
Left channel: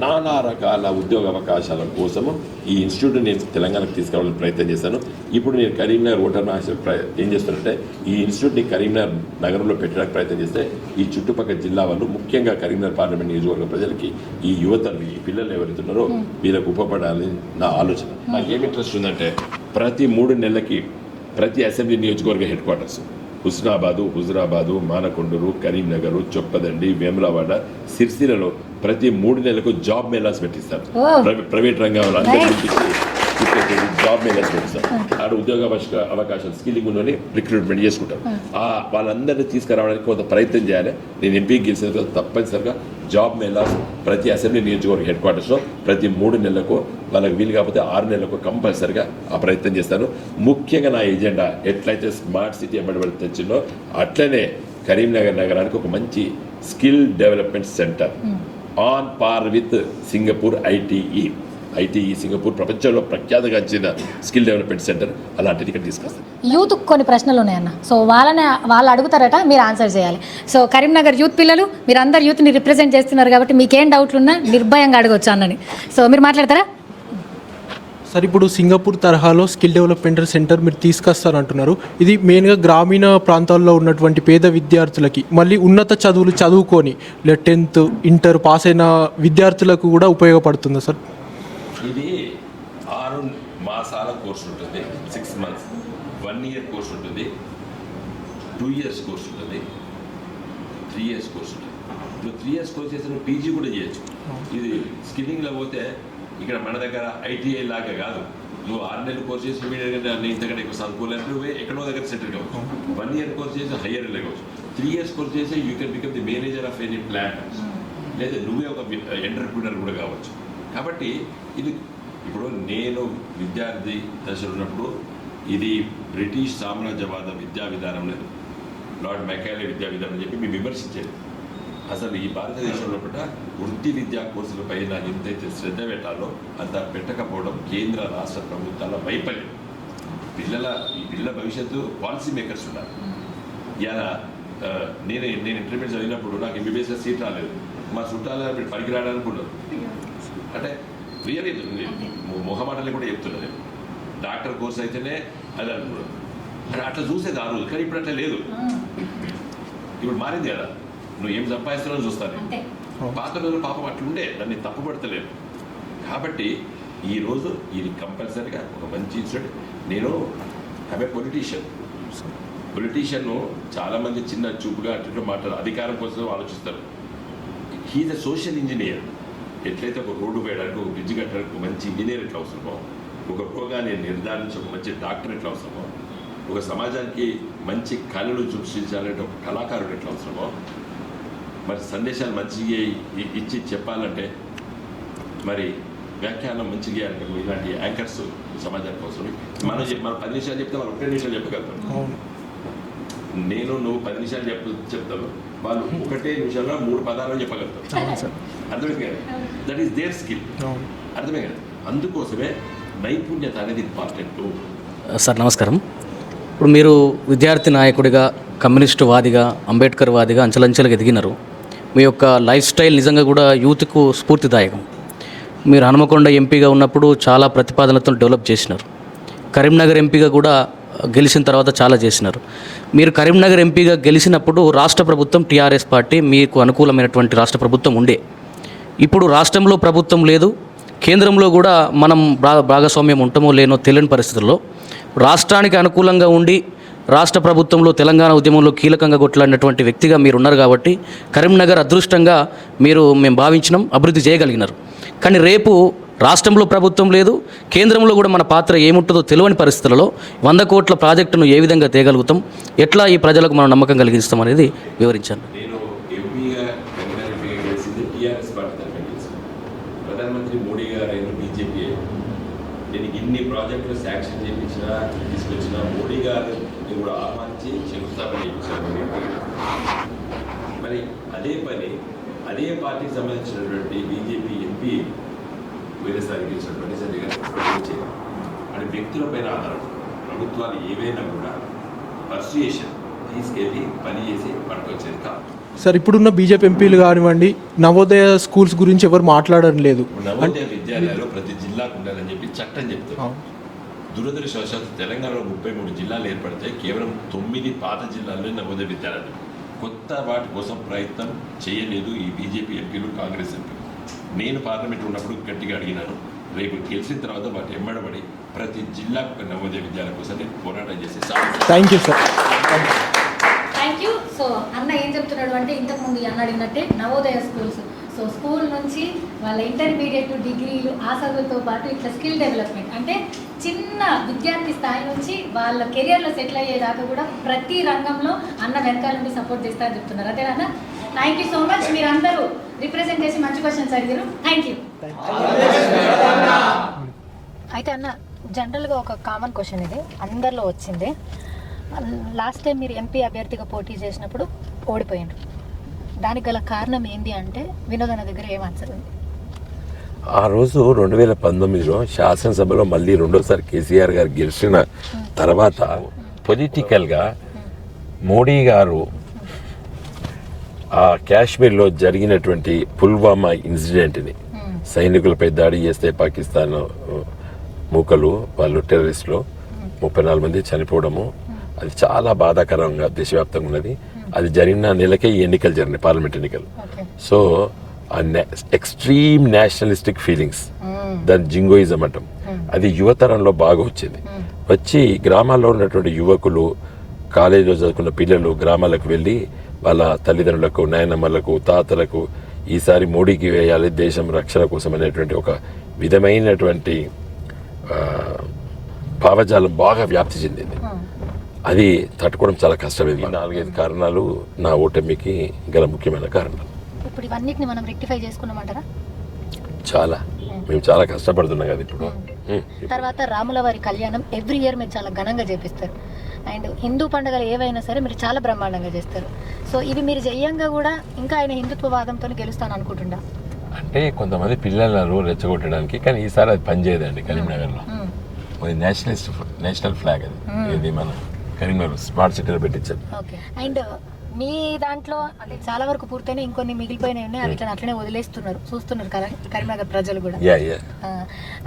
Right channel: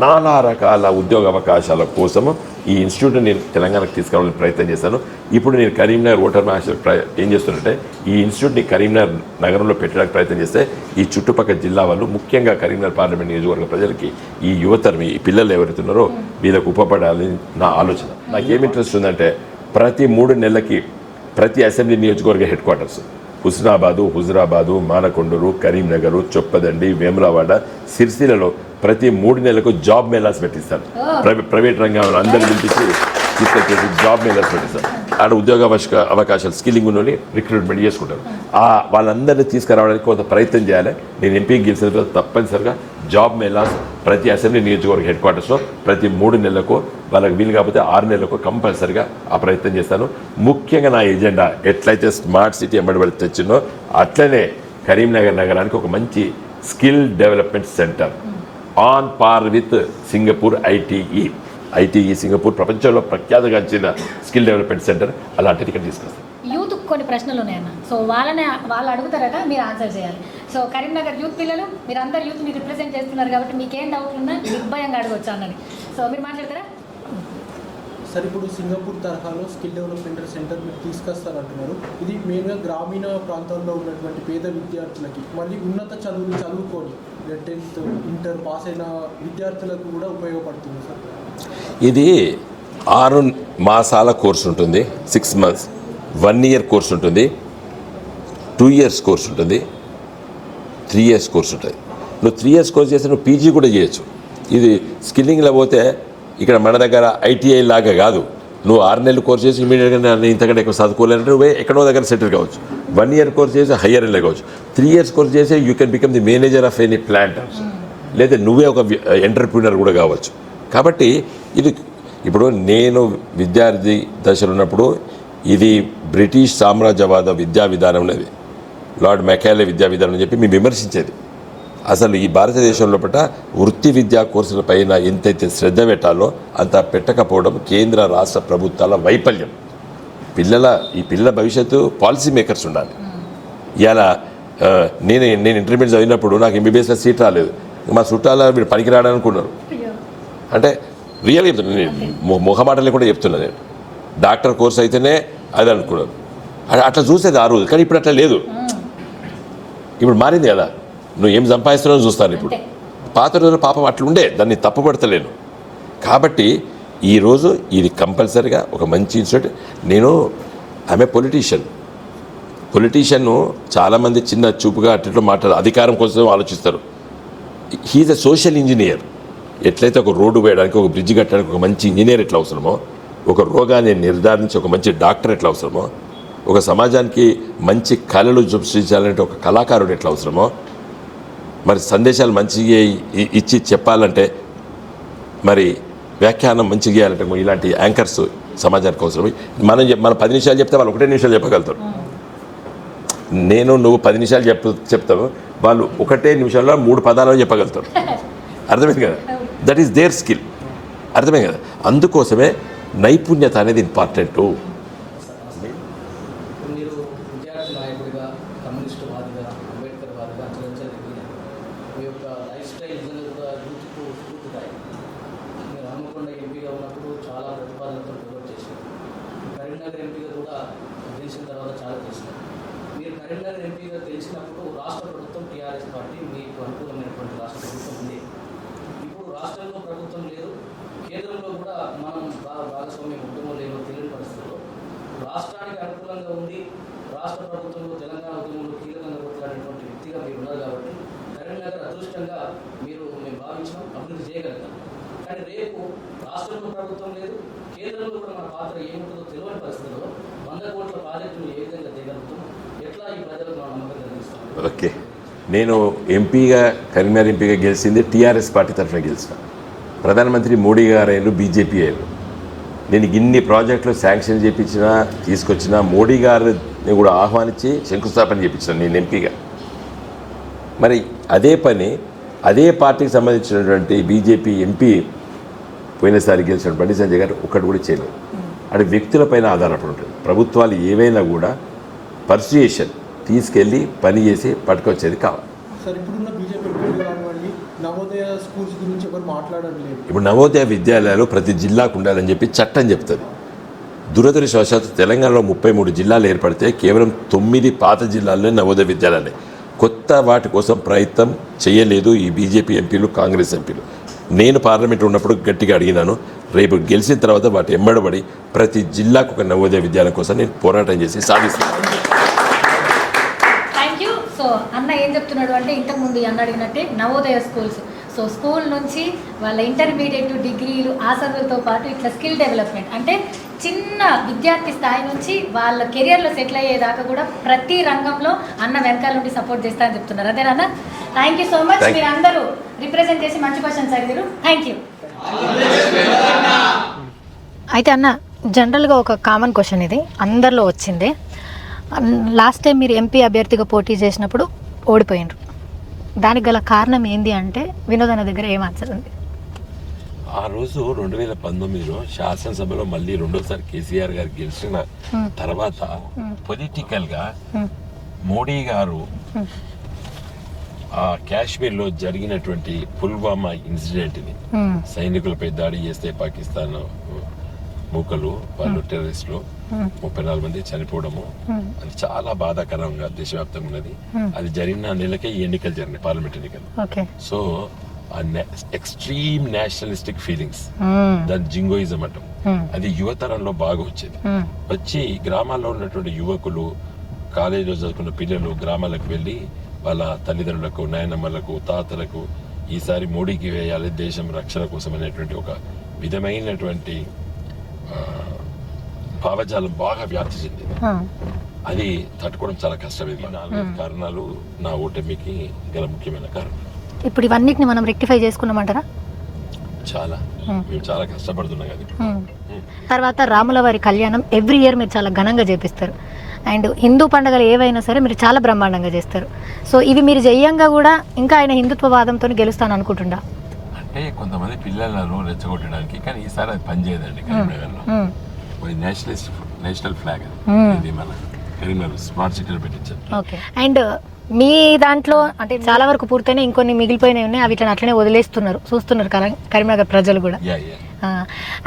నానా రకాల ఉద్యోగ అవకాశాల కోసము ఈ ఇన్స్టిట్యూట్ నేను తెలంగాణకు తీసుకురావాలని ప్రయత్నం చేశాను. ఇప్పుడు నేను కరీంనగర్ ఓటర్ మహాశివ ఏం చేస్తానంటే ఈ ఇన్స్టిట్యూట్ని కరీంనగర్ నగరంలో పెట్టడానికి ప్రయత్నం చేస్తే ఈ చుట్టుపక్కల జిల్లా వాళ్ళు, ముఖ్యంగా కరీంనగర్ పార్లమెంట్ నియోజకవర్గ ప్రజలకి ఈ యువతరం, ఈ పిల్లలు ఎవరైతే ఉన్నారో వీళ్ళకు ఉపపడాలని నా ఆలోచన. నాకు ఏమి ఇంట్రెస్ట్ ఉందంటే ప్రతి 3 నెలలకి ప్రతి అసెంబ్లీ నియోజకవర్గ హెడ్ క్వార్టర్స్ హుస్నాబాదు, హుజురాబాదు, మానకొండూరు, కరీంనగర్, చొప్పదండి, వేములవాడ, సిరిసిల్లలో ప్రతి 3 నెలలకు జాబ్ మేళాస్ పెట్టిస్తారు. ప్రైవేట్ రంగంలో అందరి నుంచి జాబ్ మేళాస్ పెట్టిస్తారు. ఆడ ఉద్యోగ అవకాశాలు స్కిల్లింగ్ ఉన్నోని రిక్రూట్మెంట్ చేసుకుంటారు. వాళ్ళందరినీ తీసుకురావడానికి కొంత ప్రయత్నం చేయాలి. నేను ఎంపీ గెలిచిన తర్వాత తప్పనిసరిగా జాబ్ మేళాస్ ప్రతి అసెంబ్లీ నియోజకవర్గ హెడ్ క్వార్టర్స్లో ప్రతి 3 నెలలకు, వాళ్ళకి వీలు కాకపోతే 6 నెలలకు కంపల్సరిగా ఆ ప్రయత్నం చేస్తాను. ముఖ్యంగా నా ఎజెండా ఎట్లయితే స్మార్ట్ సిటీ ఎంబడి తెచ్చిందో అట్లనే కరీంనగర్ నగరానికి ఒక మంచి skill development centre on par with Singapore ITE Singapore ప్రపంచంలో ప్రఖ్యాతగాంచిన స్కిల్ డెవలప్మెంట్ సెంటర్ అలాంటిది ఇక్కడ తీసుకొస్తాం. యూత్ కొన్ని ప్రశ్నలు ఉన్నాయన్న, సో వాళ్ళు అడుగుతారట, మీరు ఆన్సర్ చేయాలి. సో కరీంనగర్ యూత్ పిల్లలు, మీరు అందరు యూత్ని రిప్రజెంట్ చేస్తున్నారు కాబట్టి మీకేం డౌట్లు ఉన్నా నిర్భయంగా అడగొచ్చు అన్నని. సో మీరు మాట్లాడతారా? సార్, ఇప్పుడు సింగపూర్ తరహాలో స్కిల్ డెవలప్మెంట్ సెంటర్ మీరు తీసుకొస్తారంటున్నారు. ఇది మెయిన్గా గ్రామీణ ప్రాంతాల్లో ఉన్నటువంటి పేద విద్యార్థులకి, మళ్ళీ ఉన్నత చదువులు చదువుకొని 10th, ఇంటర్ పాస్ అయిన విద్యార్థులకు కూడా ఉపయోగపడుతుందా సార్? ఇది 6 మాసాల కోర్సు ఉంటుంది, 6 months, 1 year కోర్సు ఉంటుంది, 2 years కోర్సు ఉంటుంది, 3 years కోర్సు ఉంటుంది. నువ్వు 3 years కోర్సు చేస్తే నువ్వు పీజీ కూడా చేయొచ్చు. ఇది స్కిల్లింగ్లో పోతే ఇక్కడ మన దగ్గర ఐటీఐ లాగా కాదు. నువ్వు 6 నెలలు కోర్సు చేసి ఇమీడియట్గా నేను ఇంతకంటే ఎక్కువ చదువుకోలేనంటే నువ్వే ఎక్కడో దగ్గర సెటిల్ కావచ్చు. 1 year కోర్సు చేసి హయ్యర్ లెవెల్ కావచ్చు. 3 years కోర్సు చేసి you can become the manager of any plant, లేదా నువ్వే ఒక ఎంటర్ప్రీనర్ కూడా కావచ్చు. కాబట్టి ఇది ఇప్పుడు నేను విద్యార్థి దశలో ఉన్నప్పుడు ఇది బ్రిటిష్ సామ్రాజ్యవాద విద్యా విధానం అనేది, లార్డ్ మెకాలే విద్యా విధానం అని చెప్పి మేము విమర్శించేది. అసలు ఈ భారతదేశం లోపల వృత్తి విద్యా కోర్సుల పైన ఎంతైతే శ్రద్ధ పెట్టాలో అంత పెట్టకపోవడం కేంద్ర రాష్ట్ర ప్రభుత్వాల వైఫల్యం. ఈ పిల్లల భవిష్యత్తు పాలసీ మేకర్స్ ఉండాలి. ఇలా నేను ఇంటర్మీడియట్ చదివినప్పుడు నాకు ఎంబీబీఎస్లో సీట్ రాలేదు. మా చుట్టాల మీరు పనికి రాడనుకున్నారు. అంటే రియల్గా చెప్తున్నాను, నేను మొహమాటలే కూడా చెప్తున్నా. నేను డాక్టర్ కోర్స్ అయితేనే అది అనుకున్నాను. అట్లా చూసేది ఆ రోజు, కానీ ఇప్పుడు అట్లా లేదు. ఇప్పుడు మారింది కదా, నువ్వు ఏం సంపాదిస్తున్నావు చూస్తాను. ఇప్పుడు పాత రోజులు పాపం అట్లుండే, దాన్ని తప్పుపడతలేను. కాబట్టి ఈరోజు ఇది కంపల్సరీగా ఒక మంచి ఇన్స్టిట్యూట్. నేను ఆమె పొలిటీషియన్ను చాలామంది చిన్న చూపుగా అట్లా మాట్లాడారు, అధికారం కోసం ఆలోచిస్తారు. He's a social engineer. ఎట్లయితే ఒక రోడ్డు వేయడానికి, ఒక బ్రిడ్జ్ కట్టడానికి ఒక మంచి ఇంజనీర్ ఎట్లా అవసరమో, ఒక రోగాన్ని నిర్ధారించి ఒక మంచి డాక్టర్ ఎట్లా అవసరమో, ఒక సమాజానికి మంచి కళలు సృష్టించాలంటే ఒక కళాకారుడు ఎట్లా అవసరమో, మరి సందేశాలు మంచిగా ఇచ్చి చెప్పాలంటే, మరి వ్యాఖ్యానం మంచిగా చేయాలంటే ఇలాంటి యాంకర్స్ సమాజానికి అవసరం. మనం 10 నిమిషాలు చెప్తే వాళ్ళు 1 నిమిషాలు చెప్పగలుగుతారు. నువ్వు 10 నిమిషాలు చెప్తావు, వాళ్ళు 1 నిమిషంలో 3 పదాలు చెప్పగలుగుతారు. అర్థమైంది కదా? That is there skill. అర్థమైంది కదా? అందుకోసమే నైపుణ్యత అనేది ఇంపార్టెంటు. సార్ నమస్కారం. ఇప్పుడు మీరు విద్యార్థి నాయకుడిగా, కమ్యూనిస్టు వాదిగా, అంబేద్కర్ వాదిగా అంచెలంచెలుగా ఎదిగినారు. మీ యొక్క లైఫ్ స్టైల్ నిజంగా కూడా యూత్కు స్ఫూర్తిదాయకం. మీరు హనుమకొండ ఎంపీగా ఉన్నప్పుడు చాలా ప్రతిపాదనలతో డెవలప్ చేసినారు. కరీంనగర్ ఎంపీగా కూడా గెలిచిన తర్వాత చాలా చేసినారు. మీరు కరీంనగర్ ఎంపీగా గెలిచినప్పుడు రాష్ట్ర ప్రభుత్వం టీఆర్ఎస్ పార్టీ మీకు అనుకూలమైనటువంటి రాష్ట్ర ప్రభుత్వం ఉండే. ఇప్పుడు రాష్ట్రంలో ప్రభుత్వం లేదు, కేంద్రంలో కూడా మనం భాగస్వామ్యం ఉంటామో లేనో తెలియని పరిస్థితుల్లో రాష్ట్రానికి అనుకూలంగా ఉండి రాష్ట్ర ప్రభుత్వంలో తెలంగాణ ఉద్యమంలో కీలకంగా కొట్లాడినటువంటి వ్యక్తిగా మీరు ఉన్నారు కాబట్టి కరీంనగర్ అదృష్టంగా మేము భావించినాం, అభివృద్ధి చేయగలిగినారు. కానీ రేపు రాష్ట్రంలో ప్రభుత్వం లేదు, కేంద్రంలో కూడా మన పాత్ర ఏముంటుందో తెలియని పరిస్థితులలో 100 కోట్ల ప్రాజెక్టును ఏ విధంగా తేగలుగుతాం, ఎట్లా ఈ ప్రజలకు మనం నమ్మకం కలిగిస్తాం అనేది వివరించాను. నేను కరీంనగర్ ఎంపీగా గెలిచింది టీఆర్ఎస్ పార్టీ తరఫున గెలిచాను. ప్రధానమంత్రి మోడీ గారు బీజేపీ అయ్యారు. నేను ఇన్ని ప్రాజెక్టులు శాంక్షన్ చేయించిన, తీసుకొచ్చిన, మోడీ గారిని కూడా ఆహ్వానించి శంకుస్థాపన చేయించాను నేను ఎంపీగా. మరి అదే పార్టీకి సంబంధించినటువంటి బీజేపీ ఎంపీ పోయినసారి గెలిచిన బండి సంజయ్ గారు ఒక్కటి కూడా చేయలేదు. అంటే వ్యక్తులపైన ఆధారపడి ఉంటుంది. ప్రభుత్వాలు ఏవైనా కూడా పర్సుయేషన్ తీసుకెళ్ళి పని చేసి పట్టుకొచ్చేది కావాలి. సార్, ఇప్పుడున్న బీజేపీ ఎంపీలు కానివ్వండి, నవోదయ స్కూల్స్ గురించి ఎవరు మాట్లాడడం లేదు. ఇప్పుడు నవోదయ విద్యాలయాలు ప్రతి జిల్లాకు ఉండాలని చెప్పి చట్టం చెప్తుంది. దురదృష్టవశాత్తు తెలంగాణలో 33 జిల్లాలు ఏర్పడితే కేవలం 9 పాత జిల్లాల్లోనే నవోదయ విద్యాలయాలే. కొత్త వాటి కోసం ప్రయత్నం చేయలేదు ఈ బీజేపీ ఎంపీలు, కాంగ్రెస్ ఎంపీలు. నేను పార్లమెంట్ ఉన్నప్పుడు గట్టిగా అడిగినాను. రేపు గెలిచిన తర్వాత వాటి ఎంబడబడి ప్రతి జిల్లాకు ఒక నవోదయ విద్యాలయం కోసం నేను పోరాటం చేసి సాధిస్తాను. Thank you sir. Thank you. So అన్న ఏం చెప్తున్నాడు అంటే, ఇంతకుముందు అన్న అడిగినట్టే నవోదయ స్కూల్స్. సో స్కూల్ నుంచి వాళ్ళ ఇంటర్మీడియట్, డిగ్రీలు, ఆ చదువులతో పాటు ఇట్లా స్కిల్ డెవలప్మెంట్ అంటే చిన్న విద్యార్థి స్థాయి నుంచి వాళ్ళ కెరియర్లో సెటిల్ అయ్యేదాకా కూడా ప్రతి రంగంలో అన్న వెనకాల నుండి సపోర్ట్ చేస్తా అని చెప్తున్నారు. అదేనా? Thank you so much. మీరు అందరూ రిప్రజెంట్ చేసి మంచి క్వశ్చన్స్ అడిగారు. Thank you. అయితే అన్న, జనరల్గా ఒక కామన్ క్వశ్చన్ ఇది అందరిలో వచ్చిందే. లాస్ట్ టైం మీరు ఎంపీ అభ్యర్థిగా పోటీ చేసినప్పుడు ఓడిపోయినారు. దానికి గల కారణం ఏంది అంటే వినోద్ అన్న దగ్గర ఏం ఆన్సర్ ఉంది? ఆ రోజు 2019లో శాసనసభలో మళ్ళీ రెండోసారి కేసీఆర్ గారు గెలిచిన తర్వాత పొలిటికల్గా మోడీ గారు ఆ కాశ్మీర్లో జరిగినటువంటి పుల్వామా ఇన్సిడెంట్ని, సైనికులపై దాడి చేస్తే పాకిస్తాన్ మూకలు వాళ్ళు టెర్రరిస్టులు 34 మంది చనిపోవడము, అది చాలా బాధాకరంగా దేశవ్యాప్తంగా ఉన్నది. అది జరిగిన నెలకే ఈ ఎన్నికలు జరిగినాయి, పార్లమెంట్ ఎన్నికలు. సో ఎక్స్ట్రీమ్ నేషనలిస్టిక్ ఫీలింగ్స్, దాని జింగోయిజం అంటాం, అది యువతరంలో బాగా వచ్చేది. వచ్చి గ్రామాల్లో ఉన్నటువంటి యువకులు, కాలేజీలో చదువుకున్న పిల్లలు గ్రామాలకు వెళ్ళి వాళ్ళ తల్లిదండ్రులకు, నాయనమ్మలకు, తాతలకు ఈసారి మోడీకి వేయాలి దేశం రక్షణ కోసం అనేటువంటి ఒక విధమైనటువంటి భావజాలం బాగా వ్యాప్తి చెందింది. అది తట్టుకోవడం చాలా కష్టమైంది. 4-5 కారణాలు నా ఓటమికి గల ముఖ్యమైన కారణాలు. ఇప్పుడు ఇవన్నిటిని మనం రెక్టిఫై చేసుకున్నామంటారా? మేము చాలా కష్టపడుతున్నాం కదా. తర్వాత రాముల వారి కళ్యాణం ఎవ్రీ ఇయర్ మీరు చాలా ఘనంగా చేపిస్తారు. అండ్ హిందూ పండుగలు ఏవైనా సరే మీరు చాలా బ్రహ్మాండంగా చేస్తారు. సో ఇవి మీరు జయంగా కూడా ఇంకా ఆయన హిందుత్వవాదంతో గెలుస్తాను అనుకుంటుండా? అంటే కొంతమంది పిల్లలను రెచ్చగొట్టడానికి, కానీ ఈసారి అది పనిచేయదండి. కరీంనగర్లో నేషనల్ ఫ్లాగ్ అది మన కరీంనగర్ స్మార్ట్ సిటీలో పెట్టించారు. ఓకే. అండ్ మీ దాంట్లో అంటే చాలా వరకు పూర్తయినా ఇంకొన్ని మిగిలిపోయినాయి ఉన్నాయి, అవి ఇట్లా అట్లనే వదిలేస్తున్నారు, చూస్తున్నారు కరీంనగర్ ప్రజలు కూడా.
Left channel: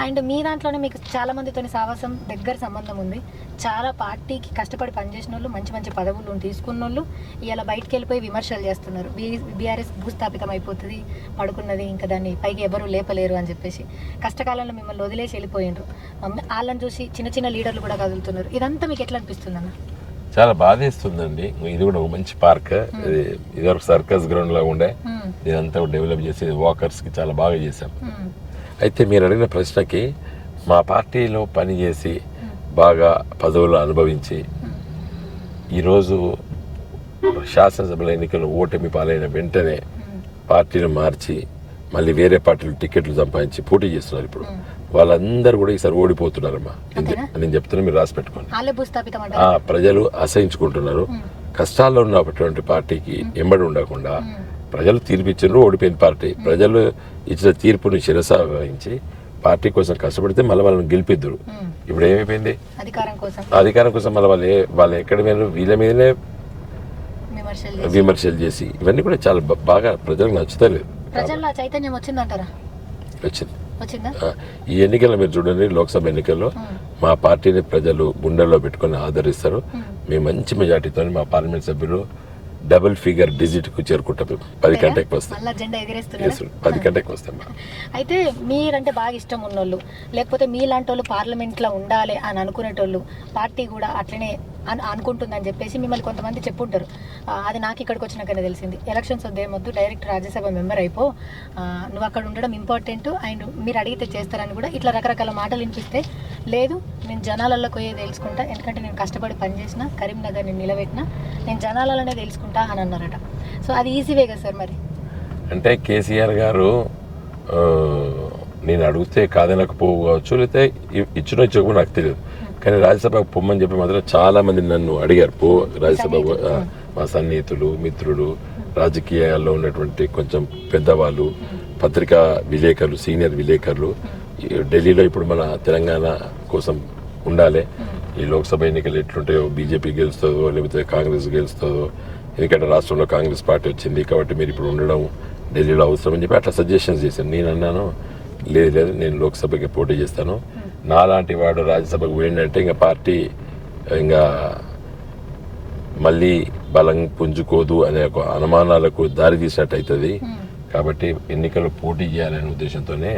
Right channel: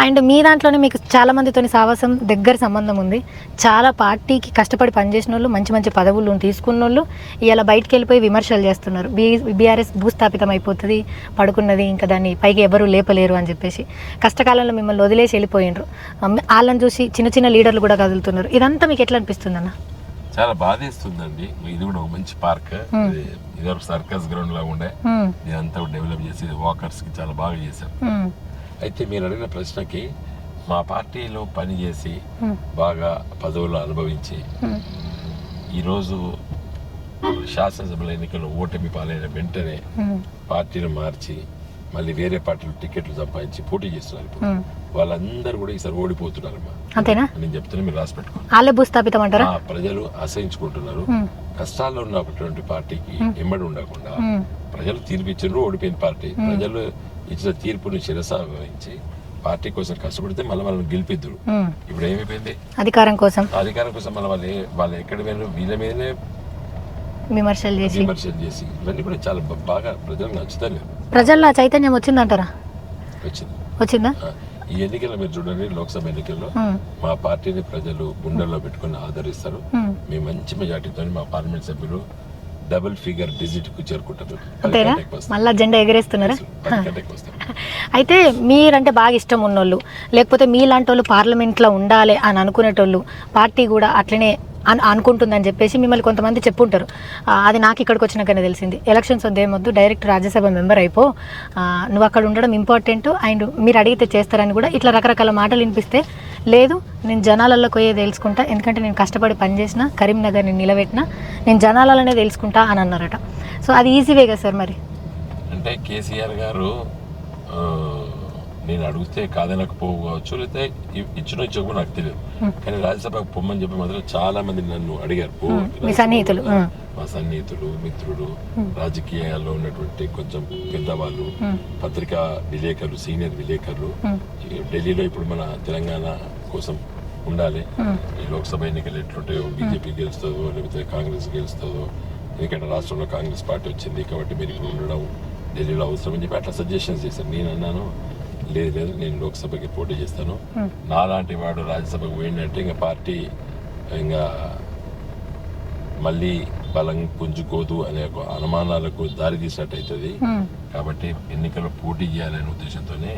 అండ్ మీ దాంట్లోనే మీకు చాలా మందితో సావాసం దగ్గర సంబంధం ఉంది. చాలా పార్టీకి కష్టపడి పనిచేసిన వాళ్ళు, మంచి మంచి పదవులు తీసుకున్న వాళ్ళు ఇలా బయటకు వెళ్ళిపోయి విమర్శలు చేస్తున్నారు. బీఆర్ఎస్ భూస్థాపితం అయిపోతుంది, పడుకున్నది, ఇంకా దాన్ని పైకి ఎవరు లేపలేరు అని చెప్పేసి కష్టకాలంలో మిమ్మల్ని వదిలేసి వెళ్ళిపోయినరు. వాళ్ళని చూసి చిన్న చిన్న లీడర్లు కూడా కదులుతున్నారు. ఇదంతా మీకు ఎట్లా అనిపిస్తుంది అన్న? చాలా బాధేస్తుందండి. ఇది కూడా ఒక మంచి పార్క్, ఇదివరకు సర్కస్ గ్రౌండ్ లాగా ఉండే, ఇదంతా డెవలప్ చేసి వాకర్స్ కి చాలా బాగా చేశాం. అయితే మీరు అడిగిన ప్రశ్నకి, మా పార్టీలో పనిచేసి బాగా పదవులు అనుభవించి ఈరోజు శాసనసభల ఎన్నికల్లో ఓటమి పాలైన వెంటనే పార్టీని మార్చి మళ్ళీ వేరే పార్టీలు టికెట్లు సంపాదించి పోటీ చేస్తున్నారు. ఇప్పుడు వాళ్ళందరూ కూడా ఈసారి ఓడిపోతున్నారమ్మా. నేను చెప్తున్నా, మీరు రాసి పెట్టుకోండి. వాళ్ళే భూస్థాపితం అంటారా? ప్రజలు అసహించుకుంటున్నారు. కష్టాల్లో ఉన్నటువంటి పార్టీకి ఎంబడి ఉండకుండా ప్రజలు తీర్పు ఇచ్చిండ్రు, ఓడిపోయిన పార్టీ ప్రజలు ఇచ్చిన తీర్పుని శిరసావహించి పార్టీ కోసం కష్టపడితే మళ్ళీ వాళ్ళని గెలిపిద్దరు. ఇప్పుడు ఏమైపోయింది? అధికారం కోసం మళ్ళీ వాళ్ళు ఎక్కడ మీద వీళ్ళ మీదనే విమర్శలు చేసి ఇవన్నీ కూడా చాలా బాగా ప్రజలకు నచ్చుతలేదు. ప్రజల్లో చైతన్యం వచ్చిందంటారా? వచ్చిందా? ఈ ఎన్నికల్లో మీరు చూడండి, లోక్సభ ఎన్నికల్లో మా పార్టీని ప్రజలు గుండెల్లో పెట్టుకొని ఆదరిస్తారు. మేము మంచి మెజార్టీతో మా పార్లమెంట్ సభ్యులు డబుల్ ఫిగర్ డిజిట్ కు చేరుకుంటాం. 10 కంటే ఎక్కువ వస్తాం. మళ్ళా జెండా ఎగరేస్తున్నారా? 10 కంటే ఎక్కువ వస్తాం. అయితే మీరంటే బాగా ఇష్టం ఉన్నోళ్ళు, లేకపోతే మీలాంటి వాళ్ళు పార్లమెంట్లో ఉండాలి అని అనుకునేటోళ్ళు, పార్టీ కూడా అట్లనే అనుకుంటుందని చెప్పేసి మిమ్మల్ని కొంతమంది చెప్పుంటారు. అది నాకు ఇక్కడికి వచ్చినాకనే తెలిసింది. ఎలక్షన్స్ వద్దేమొద్దు, డైరెక్ట్ రాజ్యసభ మెంబర్ అయిపో, నువ్వు అక్కడ ఉండడం ఇంపార్టెంట్, అండ్ మీరు అడిగితే చేస్తారని కూడా ఇట్లా రకరకాల మాటలు వినిపిస్తే, లేదు నేను జనాలలో పోయే తెలుసుకుంటా, ఎందుకంటే నేను కష్టపడి పనిచేసిన, కరీంనగర్ని నిలబెట్టిన, నేను జనాలలోనే తెలుసుకుంటా అని అన్నారట. సో అది ఈజీవే కదా సార్? మరి అంటే కేసీఆర్ గారు నేను అడిగితే కాదనకపోవచ్చు, లేకపోతే ఇచ్చినో నాకు తెలియదు, కానీ రాజ్యసభకు పొమ్మని చెప్పి మాత్రం చాలా మంది నన్ను అడిగారు. మా సన్నిహితులు, మిత్రులు, రాజకీయాల్లో ఉన్నటువంటి కొంచెం పెద్దవాళ్ళు, పత్రికా విలేకరులు, సీనియర్ విలేకరులు, ఢిల్లీలో ఇప్పుడు మన తెలంగాణ కోసం ఉండాలి, ఈ లోక్సభ ఎన్నికలు ఎట్లుంటాయో, బీజేపీ గెలుస్తుందో లేకపోతే కాంగ్రెస్ గెలుస్తుందో, ఎందుకంటే రాష్ట్రంలో కాంగ్రెస్ పార్టీ వచ్చింది కాబట్టి మీరు ఇప్పుడు ఉండడం ఢిల్లీలో అవసరం అని చెప్పి అట్లా సజెషన్స్ చేశాను. నేను అన్నాను, లేదు నేను లోక్సభకి పోటీ చేస్తాను, నాలాంటి వాడు రాజ్యసభకు పోయిందంటే ఇంకా పార్టీ ఇంకా మళ్ళీ బలం పుంజుకోదు అనే ఒక అనుమానాలకు దారి తీసినట్టు అవుతుంది, కాబట్టి ఎన్నికల్లో పోటీ చేయాలనే ఉద్దేశంతోనే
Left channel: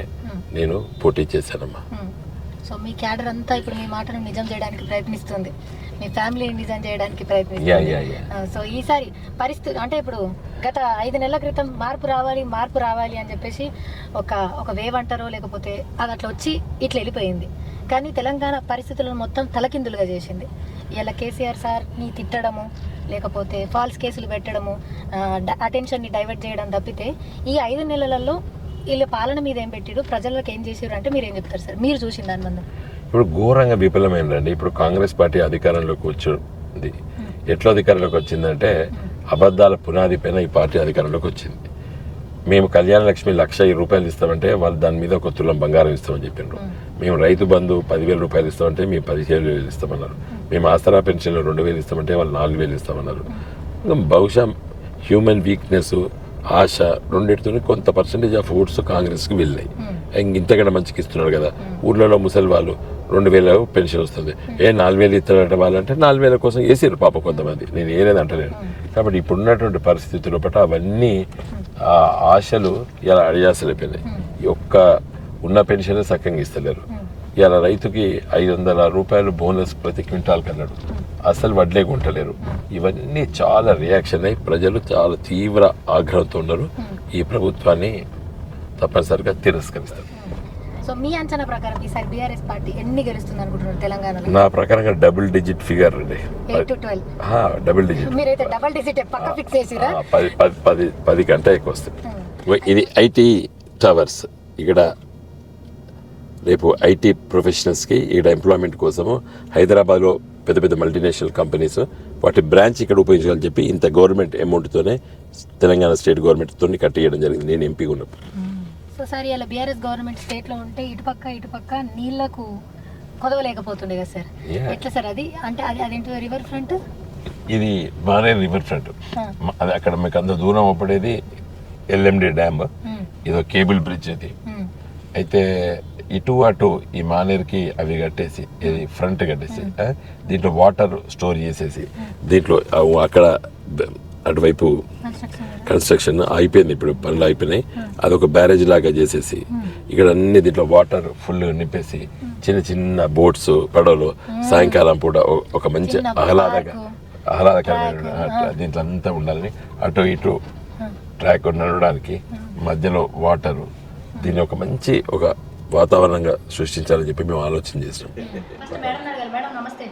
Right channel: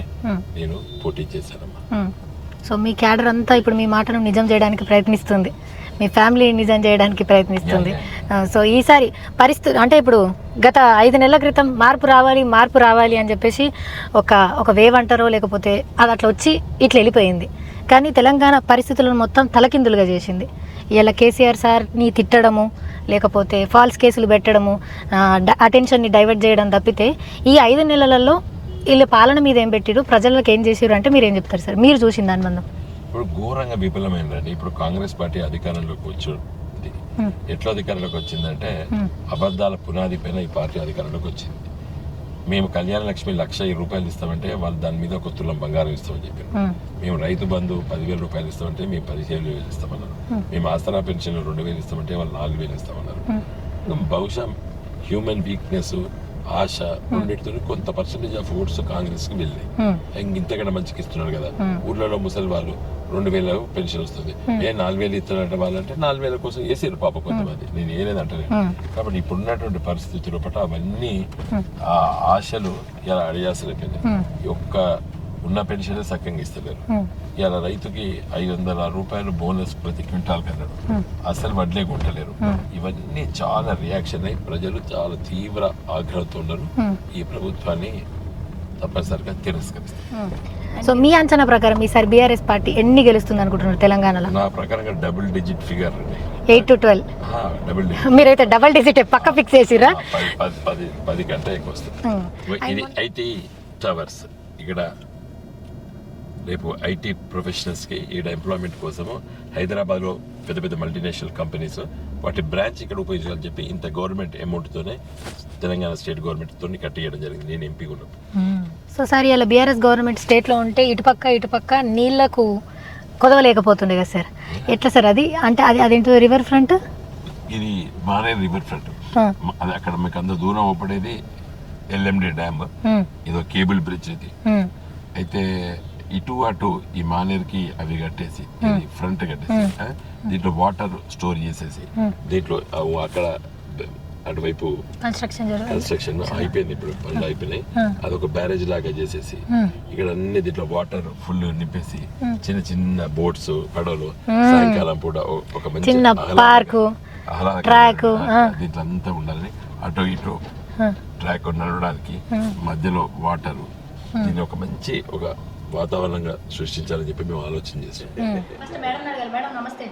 నేను పోటీ చేశానమ్మా. సో మీ క్యాడర్ అంతా ఇప్పుడు మీ మాటను నిజం చేయడానికి ప్రయత్నిస్తుంది, మీ ఫ్యామిలీ నిజం చేయడానికి ప్రయత్నిస్తుంది. సో ఈసారి పరిస్థితి అంటే ఇప్పుడు గత 5 నెలల క్రితం మార్పు రావాలి అని చెప్పేసి ఒక వేవ్ అంటారో లేకపోతే అది అట్లా వచ్చి ఇట్లా వెళ్ళిపోయింది. కానీ తెలంగాణ పరిస్థితులను మొత్తం తలకిందులుగా చేసింది. ఇలా కేసీఆర్ సార్ని తిట్టడము, లేకపోతే ఫాల్స్ కేసులు పెట్టడము, అటెన్షన్ని డైవర్ట్ చేయడం తప్పితే ఈ 5 నెలలలో వీళ్ళ పాలన మీద ఏం పెట్టిరు, ప్రజలకు ఏం చేసారు అంటే మీరు ఏం చెప్తారు సార్? మీరు చూసిన దాని మందం ఇప్పుడు ఘోరంగా విఫలమైందండి. ఇప్పుడు కాంగ్రెస్ పార్టీ అధికారంలోకి వచ్చింది. ఎట్లా అధికారంలోకి వచ్చిందంటే అబద్ధాల పునాది పైన ఈ పార్టీ అధికారంలోకి వచ్చింది. మేము కళ్యాణ లక్ష్మి 1,00,000 రూపాయలు ఇస్తామంటే వాళ్ళు దాని మీద 1 తులం బంగారం ఇస్తామని చెప్పారు. మేము రైతు బంధు 10,000 రూపాయలు ఇస్తామంటే మేము 15,000 ఇస్తామన్నారు. మేము ఆసరా పెన్షన్లు 2,000 ఇస్తామంటే వాళ్ళు 4,000 ఇస్తామన్నారు. బహుశా హ్యూమన్ వీక్నెస్, ఆశ రెండింటితో కొంత పర్సెంటేజ్ ఆఫ్ ఓట్స్ కాంగ్రెస్ కి వెళ్ళాయి. ఇంతకన్నా మంచికి ఇస్తున్నాడు కదా, ఊర్లలో ముసలి వాళ్ళు 2,000 పెన్షన్ వస్తుంది, 4,000 ఇస్తారట వాళ్ళంటే 4,000 కోసం వేసారు పాప కొంతమంది, నేను ఏలేదంటలేను. కాబట్టి ఇప్పుడు ఉన్నటువంటి పరిస్థితుల పట్ల అవన్నీ ఆశలు ఇలా అడియాసలైపోయినాయి. ఒక్క ఉన్న పెన్షన్ సక్కంగా ఇస్తలేరు. ఇలా రైతుకి 500 రూపాయలు బోనస్ ప్రతి క్వింటాల్ కన్నాడు, అసలు వడ్లే కొంటలేరు. ఇవన్నీ చాలా రియాక్షన్ అయ్యి ప్రజలు చాలా తీవ్ర ఆగ్రహంతో ఉన్నారు. ఈ ప్రభుత్వాన్ని తప్పనిసరిగా తిరస్కరిస్తారు. సో మీ అంచనా ప్రకారం ఈసారి బీఆర్ఎస్ పార్టీ ఎన్ని గెలుస్తుంది అనుకుంటున్నారు తెలంగాణలో? నా ప్రకారంగా డబుల్ డిజిట్ ఫిగర్ అండి, 8 to 12. Double digit. మీరైతే డబుల్ డిజిట్ పక్క ఫిక్స్ చేసిరా? 10 కంటే ఎక్కువ వస్తుంది. ఇది ఐటీ టవర్స్, ఇక్కడ రేపు ఐటీ ప్రొఫెషనల్స్కి ఇక్కడ ఎంప్లాయ్మెంట్ కోసము హైదరాబాద్లో పెద్ద పెద్ద మల్టీనేషనల్ కంపెనీస్ వాటి బ్రాంచ్ ఇక్కడ ఉపయోగించాలని చెప్పి ఇంత గవర్నమెంట్ అమౌంట్తోనే తెలంగాణ స్టేట్ గవర్నమెంట్తో కట్టియడం జరిగింది నేను ఎంపీ ఉన్నప్పుడు. సో సార్ ఇలా బీఆర్ఎస్ గవర్నమెంట్ స్టేట్లో ఉంటే ఇటుపక్క నీళ్లకు కొదవలేకపోతుండే కదా సార్, ఎట్లా సార్ అది? అంటే అదేంటో రివర్ ఫ్రంట్, ఇది మానే రివర్ ఫ్రంట్, అది అక్కడ మీకు అంత దూరం అవ్వబడేది ఎల్ఎండి డ్యామ్, ఇదో కేబుల్ బ్రిడ్జ్ ఇది. అయితే ఇటు అటు ఈ మానేరుకి అవి కట్టేసి ఫ్రంట్ కట్టేసి దీంట్లో వాటర్ స్టోర్ చేసేసి దీంట్లో అక్కడ అటువైపు కన్స్ట్రక్షన్ అయిపోయింది, ఇప్పుడు పనులు అయిపోయినాయి. అదొక బ్యారేజ్ లాగా చేసేసి ఇక్కడ అన్ని దీంట్లో వాటర్ ఫుల్ నింపేసి చిన్న చిన్న బోట్స్, పడవలు సాయంకాలం పూట ఒక మంచి ఆహ్లాదకరంగా దీంట్లో అంతా ఉండాలని అటు ఇటు ట్రాక్ నడవడానికి మధ్యలో వాటర్, దీన్ని ఒక మంచి ఒక వాతావరణంగా సృష్టించాలని చెప్పి మేము ఆలోచన చేస్తాం. మేడం నమస్తే.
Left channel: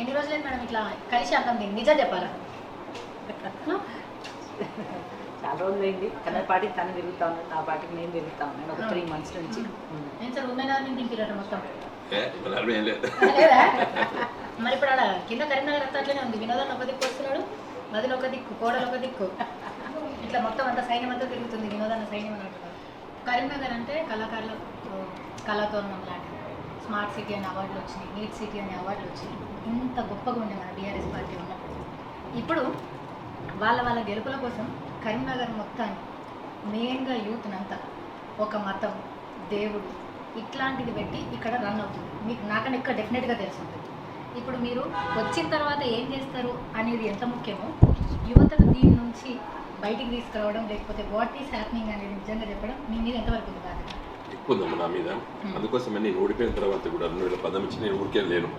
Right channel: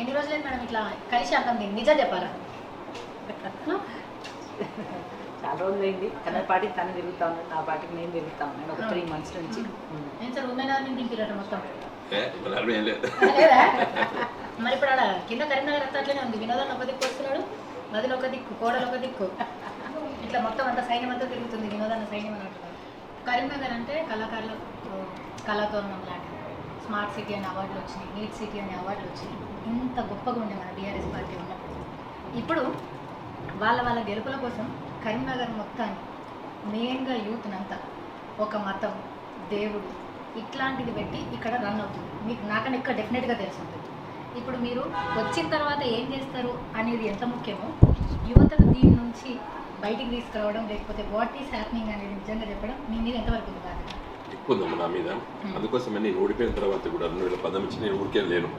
ఎన్ని రోజులైంది మేడం ఇట్లా కలిసి అంటాం, నిజం చెప్పారా? చాలా రోజులైంది తన పాటికి తను తిరుగుతా ఉన్నాను, నా పాటికి నేను తిరుగుతా ఉన్నాను ఒక 3 months నుంచి. ఇంకా ఉమెన్ ఆర్మీ దింపిరట మొత్తం మరి ఇప్పుడు అలా కింద కరీంనగర్ అంతా అట్లనే ఉంది. వినోదాన్ని ఒక దిక్కు వస్తున్నాడు, నదిలో ఒక దిక్కు, కోడలు ఒక దిక్కు, ఇట్లా మొత్తం అంతా సైన్యం అంతా తిరుగుతుంది. వినోదాన్ని సైన్యం అని అంటున్నారు. కరీంనగర్ అంటే కళాకారుల కళాతోరణం లాంటి స్మార్ట్ సిటీ అనే అవార్డులు వచ్చినాయి, గ్రేట్ సిటీ అనే అవార్డులు వచ్చినాయి. ఇంత గొప్పగా ఉండేది టీఆర్ఎస్ పార్టీ ఉన్నప్పుడు. ఇప్పుడు వాళ్ళ గెలుపుల కోసం కరీంనగర్ మొత్తాన్ని మెయిన్గా యూత్నంతా ఒక మతం, దేవుడు ఇట్లాంటిది పెట్టి ఇక్కడ రన్ అవుతుంది. మీకు నాకని ఇక్కడ డెఫినెట్గా తెలుసు. ఇప్పుడు మీరు వచ్చిన తర్వాత ఏం చేస్తారు అనేది ఎంత ముఖ్యమో యువతను దీని నుంచి బయటికి తీసుకురావడం, లేకపోతే వాట్ ఈస్ హ్యాపెనింగ్ అనేది నిజంగా చెప్పడం మీ మీద ఎంతవరకు ఉంది కాదు ఎక్కువ నా మీద. అందుకోసం నేను ఓడిపోయిన తర్వాత కూడా 2010 నుంచి నేను ఊరికే లేను.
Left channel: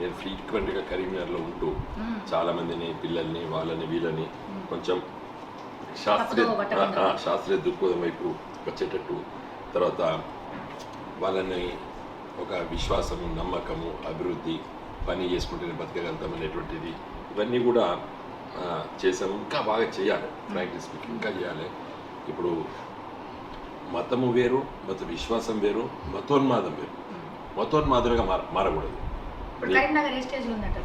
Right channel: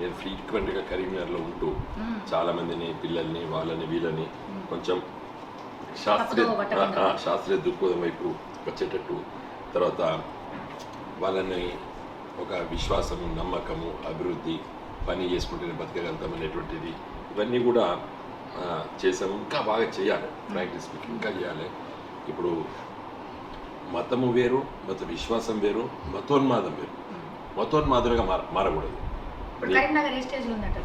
నేను ఫ్రీక్వెంట్గా కరీంనగర్లో ఉంటూ చాలామందిని, పిల్లల్ని, వాళ్ళని, వీళ్ళని కొంచెం శాస్త్రీయ దృక్పథం వైపు వచ్చేటట్టు, తర్వాత వాళ్ళని ఒక విశ్వాసము, నమ్మకము, అభివృద్ధి, పని చేసుకుంటే బతకగలుగుతాం అనేటువంటిది ఇవన్నీ కూడా చేశాను. ఇంకా బాగా చేయాలి, ప్రాక్టీస్ ఇంకా చేయాలి. ఇప్పుడు మతము వేరు, మత విశ్వాసం వేరు, మతోన్మాదం వేరు. మతోన్మాదంగా మారకూడదు. కరీంనగర్ ఏ స్టేజ్లో ఉందంటే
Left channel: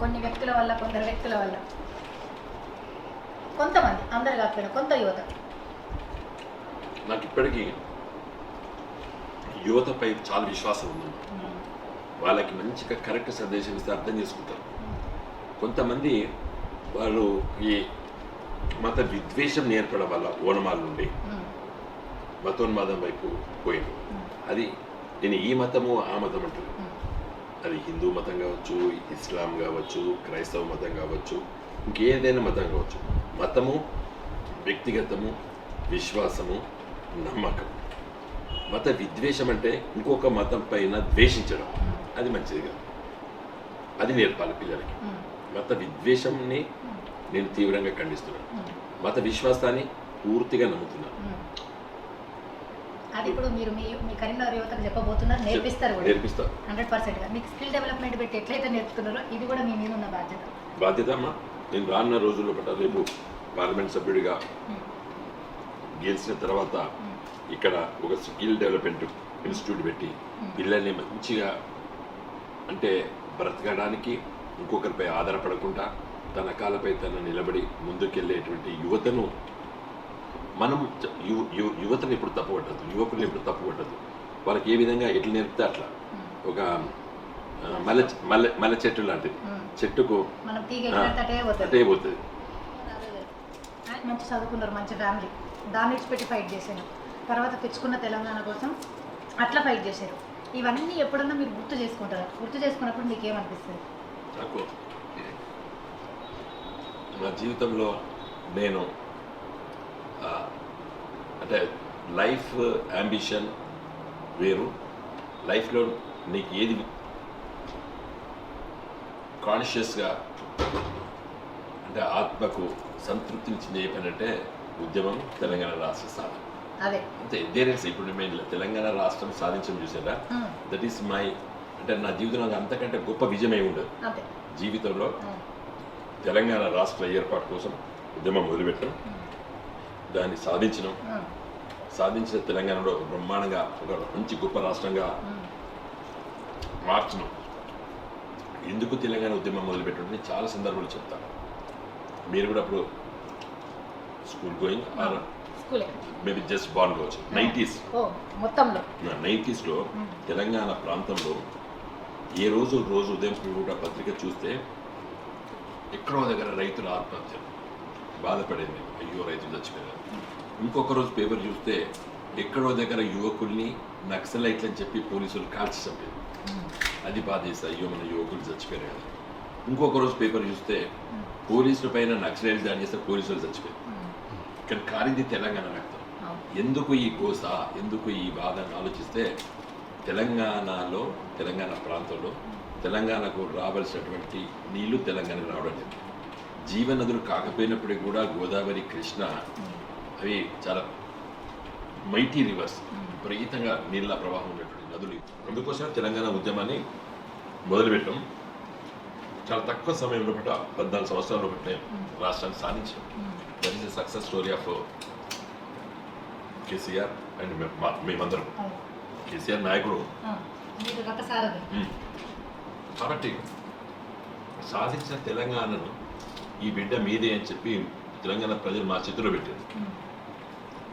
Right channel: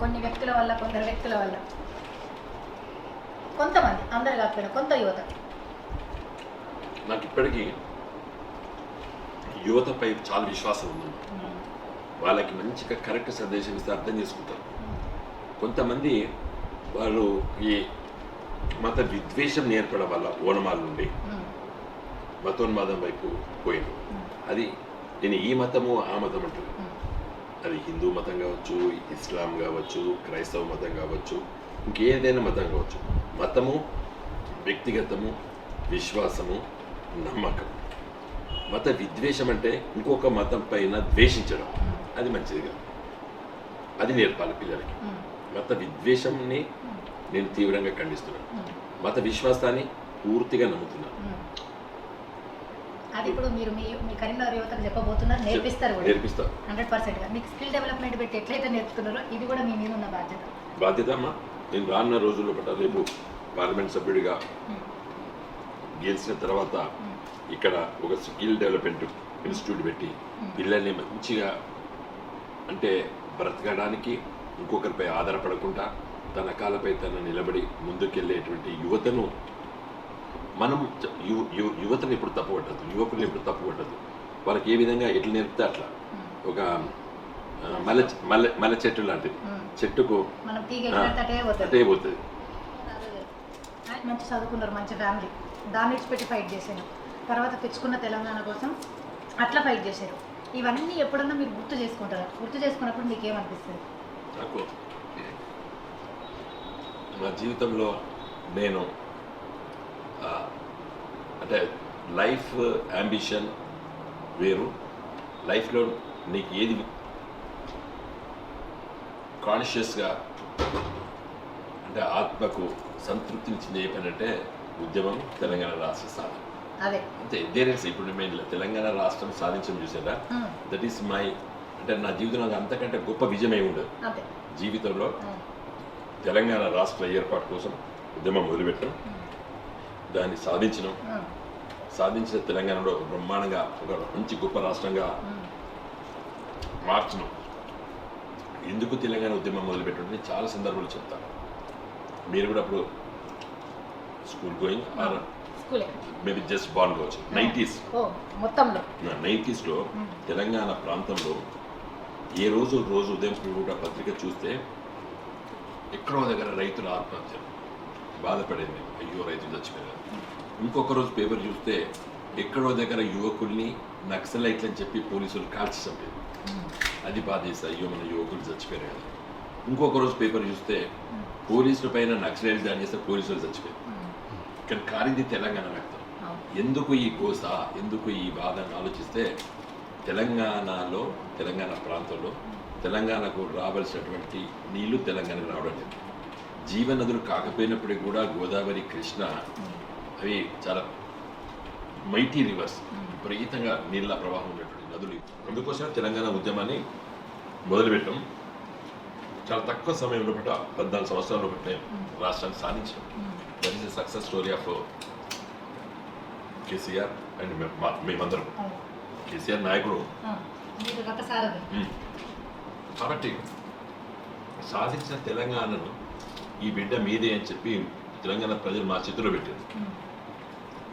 కొన్ని వ్యక్తుల వల్ల, కొందరు వ్యక్తుల వల్ల, కొంతమంది, అందరి కాకుండా కొంత యువత ఇప్పటికీ యువతపై చాలా విశ్వాసం ఉంది. వాళ్ళకి మంచిగా కరెక్ట్ సందేశం ఇస్తే అర్థం చేసుకుంటారు. కొంతమంది వాళ్ళు ఈ మత విద్వేషం ఏర్పడడం వల్ల ఓనమాల నుండి మతోన్మాదం వైపు పోయి, అది నేను ఈ మతము ఆ మతం అంటున్నాను. అది హిందూ మతం కావచ్చు, ఇస్లాం కావచ్చు, క్రైస్తవ మతం కావచ్చు, ఏదైనా మతం కావచ్చు. మతము, వ్యక్తిగతము, విశ్వాసము, నమ్మకం. మత విద్వేషం అంటే ఇంకొక మతం పైన ద్వేషించడం, అది మంచిది కాదు. అది నేర్పాలి పిల్లలకి. మత విద్వేషంని నేను తీవ్రంగా ఖండిస్తున్నాను. మత విశ్వాసాన్ని పూర్తిగా నమ్ముతున్నాను. అది కూడా మీరు మీ కరీంనగర్ యువతకు చెప్పబోతున్నారు, నేర్పిస్తారు కూడా. నేర్పిస్తాను 100%. మీకు స్కిల్ డెవలప్మెంట్ పెట్టి ఎట్లయితే నేర్పుతున్నారో ఇది కూడా మీ మీద ఉన్న బాధ్యత అమ్మా. నేను రానున్న రోజుల్లో పట్ల రేపు పార్లమెంట్ సభ్యుడిగా గెలిచిన తర్వాత ఇక్కడ ఒక స్కిల్ డెవలప్మెంట్ ఇన్స్టిట్యూట్ పెట్టి పిల్లల్ని మంచిగా, అంటే బ్రతకడానికి ఇంకొకరిపై ఆధారపడకుండా తన కాళ్ళపై తను నిలబడి ముందుకెళ్ళేటువంటి యువతను మనం యువతను ఎప్పుడు తప్పుపట్టదు, యువకులు ఎప్పుడు తప్పుపట్టదు. వాళ్ళకి ఏ విధంగా ఎట్లా నేర్పితే అట్లా. ఒక మల్లె చెట్టు లాంటిది, చెట్టుకు అటే పోతుంది. మంచి చదువుకున్నారు, మంచి ఫ్యామిలీ, దాన్ని విడిచిపెట్టి ఫైట్ చేశాను. తర్వాత తెచ్చుకున్న తెలంగాణ కోసం అట్లా ఫైట్ చేశారు. ఇవన్నీ ఎప్పుడన్నా మీరు గుర్తు చేసుకుంటారు, గుర్తు చేసుకోవాలంటే ఏమనిపిస్తుంది? నా జీవితంలో నేను అంటే లైఫ్ అంబిషన్ వేరు. లైఫ్లో నీకు ఏది కాన్షియస్గా అంటే ఆత్మకు సంతృప్తినిచ్చింది ఏంటంటే ఉద్యమం, తెలంగాణ రాష్ట్ర సాధన. అంటే దేనిస్ ఇప్పుడు మేము తెలంగాణ రాష్ట్రం సాధించడం చూసేదా, దట్ ఈస్ మై, అంటే నా జీవితంలో అంతకంటే గొప్ప విజయం ఏమి ఉండదు. జీవితంలో తెలంగాణ రాష్ట్ర ఏర్పాటు కోసం ఉద్యమం మొదలుపెట్టాం, దాన్ని సాధించిన తెలంగాణలో బ్రహ్మాండంగా ఒక మంచి గొప్ప రాష్ట్రంగా మార్చడం. ఎందుకు తెలంగాణ ఉద్యమం మొదలుపెట్టడం చాలా సందర్భాలు చెప్తాను. మీరు కూడా అప్పుడు స్కూల్ గోయింగ్ మేబీ జస్ట్ బాన్ కావచ్చు. 90s తెలంగాణ ప్రాంతంలో ఏ రోజు ఉదయం కూడా పత్రిక చూస్తే ఎక్కడో దగ్గర రైతుల ఆత్మహత్య, బాధపడేది, అయ్యో రైతులు చచ్చిపోయారు. ఇంకొక రోజు పేపర్ చూస్తే ఎక్కడో దగ్గర యువకుల్ని నక్సలైట్లు అని చెప్పి పోలీసులు కాల్చి చంపారు, అది బాధేసి అయ్యో మన యువకులు చచ్చిపోయారు. ఇంకొక రోజు పేపర్ చూస్తే పోలీసుల పైన నక్సలైట్లు దాడి చేస్తే పోలీసులు చచ్చిపోయారు. కానీ కారింది తెలంగాణ రక్తం. ఎందుకు ఈ కోస, ఎందుకు ఈ బాధను ఆలోచిస్తే తెలంగాణలో, తెలంగాణ ప్రాంతంలో తెలంగాణకు రావాల్సినటువంటి నీళ్లు తెలంగాణ రావడం లేదు. జీవనదులు కాకపోయినప్పటికీ కూడా గోదావరి, కృష్ణ అవి చాలా మైటీ రివర్స్, విపరీతంగా నీళ్ళ ప్రవాహం ఉన్నటువంటి నదులు. అందుకోసం తెలంగాణ ఉద్యమాన్ని మొదలుపెట్టాము. చాలా తక్కువ సమయం అనమాట 14 సంవత్సరాలు పెట్టే రాష్ట్రాన్ని సాధించారు. That is the success story of KCR and మేమందరం. కేసీఆర్ నాయకుడు కాబట్టి సాధించిన తెలంగాణలో ఈ బిడ్డ మీదే అని చెప్పి తెలంగాణ ప్రజలు మా చేతిలో పెట్టారు.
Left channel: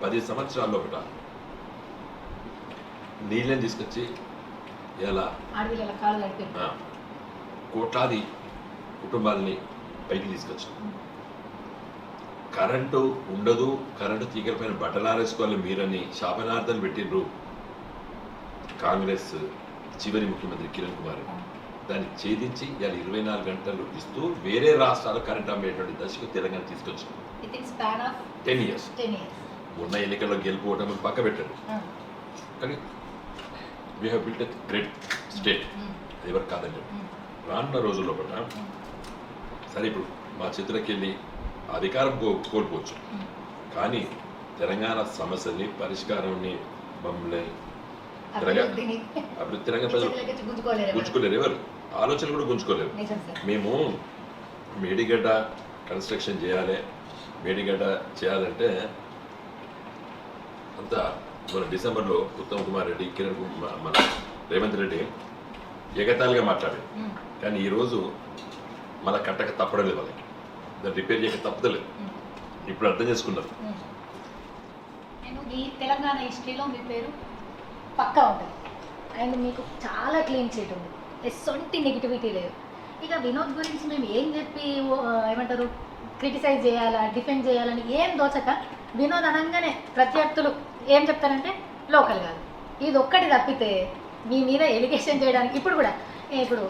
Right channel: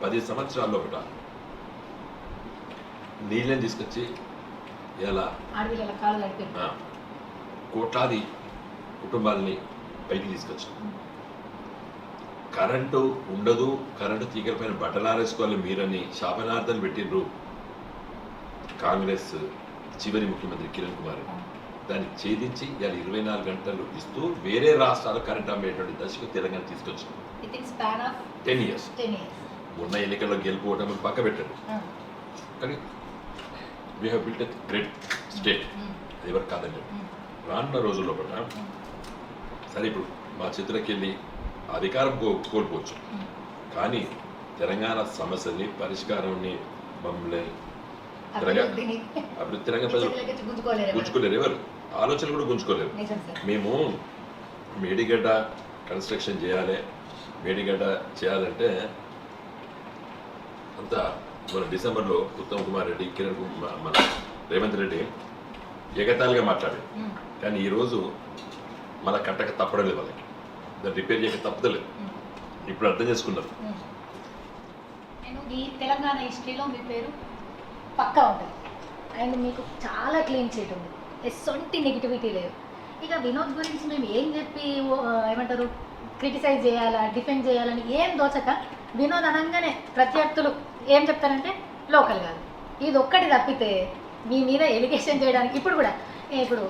10 సంవత్సరాల్లో ఒకట నీళ్ళని తీసుకొచ్చి ఇలా కోట్లాది కుటుంబాలని పైకి తీసుకొచ్చింది. కరెంటు ఉండదు, కరెంటు తీగపైన బట్టలు ఆరేసుకోవాలి మీరని శాపనార్థాలు పెట్టిండ్రు కాంగ్రెస్ చివరి ముఖ్యమంత్రి కిరణ్ కుమార్. దాన్ని ఛేదించి ఇలా 24 గంటలు ఇస్తూ వేరే రాష్ట్రాలు కరెంట్ అమ్మేటువంటి దశకు తెలంగాణ తీసుకొచ్చింది. 10 years. ఉన్న ఎన్నికల్లో గెలుపుకోవడం పక్క పెట్టారు. కానీ we have built a great state. అది ఎవరు కాదండి. రానున్న రోజుల్లో కూడా కానీ ఇప్పుడు మా చేతులకి వెళ్ళి అధికారం కోల్పోవచ్చు, కానీ తెలంగాణ సమస్యని పరిష్కారాన్ని మమ్మల్ని ఇప్పుడు తెలంగాణ ప్రజలు గుంజుకోలేరు, ఎవరు ఆలోచన కూడా గుంజుకోలేరు. మేము మేడిగడ్డ కన్స్ట్రక్షన్ చేయాలి, మేడిగడ్డ చేయాలంటే అంతా మన డిసెంబర్లో ఉత్తమ్ కుమార్ రెడ్డి, కిరణ్ కుమార్, మన రేవంత్ రెడ్డి ఎగతాళిగా మాట్లాడారు. కానీ ఈరోజు మన కట్టక తప్పడం లేదు, వాళ్ళకి దాన్ని రిపేర్ చేయక తప్పదలేదు. ఇప్పుడు అర్థం చేసుకున్నారు. నేను ఈ తెలంగాణ హిస్టరీలో మీ పేరు పక్కా ఉంది అండ్ మీకు చాలా క్లీన్ చీట్ ఉంది, ఎసొంటి నెగిటివిటీ లేదు. ఇక వినోద్ గురించి మేము ఏం చెప్పి ఏమంటారు క్రిటిసైజ్ చేయాలి, డిఫెండ్ చేయాలని ఏం దోచక వినోద్ అనగానే ప్రత్యర్థులు ఏం చెప్తారంటే లోకల్ కాదు, ఇది ఒక్కటి తప్పితే మీ మీద ఎలిగేషన్ చేయడానికి ఇప్పుడు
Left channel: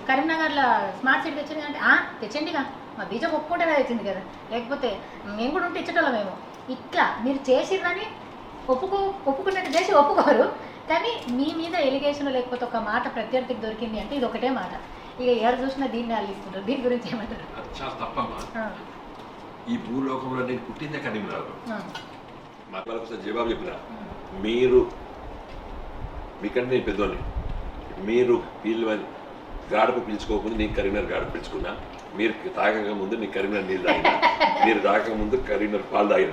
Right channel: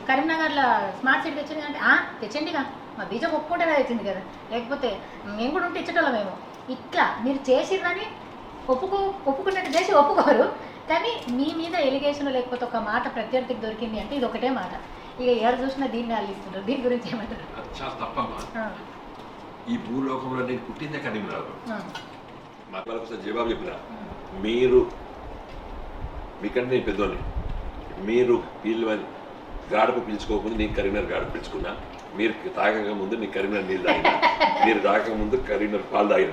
కరీంనగర్లో స్మార్ట్ సిటీ తెచ్చిందంటే తెచ్చండిగా మా బీజం ఒప్పుకుంటే తెచ్చింది కదా, లేకపోతే మేము కూడా ఉంటే ఇచ్చటోళ్ళమేమో. ఇట్లా మీరు చేసిందని ఒప్పుకున్నట్టు చేసి ఒప్పుకోరు, కానీ మీ మీద ఎలిగేషన్ లేకపోతే ఒక మాట ప్రత్యర్థికి దొరికింది అంటే ఇది ఒకటే మాట. ఇక ఎవరు చూసినా దీన్ని ఆలోచిస్తుంటారు. దీని గురించి ఏమంటే ఈ భూలోకంలో నేను పుట్టిందే కరీంనగర్. నా వాళ్ళకి జవాబు చెప్పిన మీరు ఇక్కడ నేను పెద్దోని, మీరు వీళ్ళు గాడుకు పీల్చుకోకుండా నేను కరీంనగర్ గాడుకు పీల్చుకున్నా. మీరు తాగక ముందు నేను కరీంనగర్ నీళ్ళు తాగినా, మీరు తాగక ముందు కరీంనగర్ పాలు తాగిన.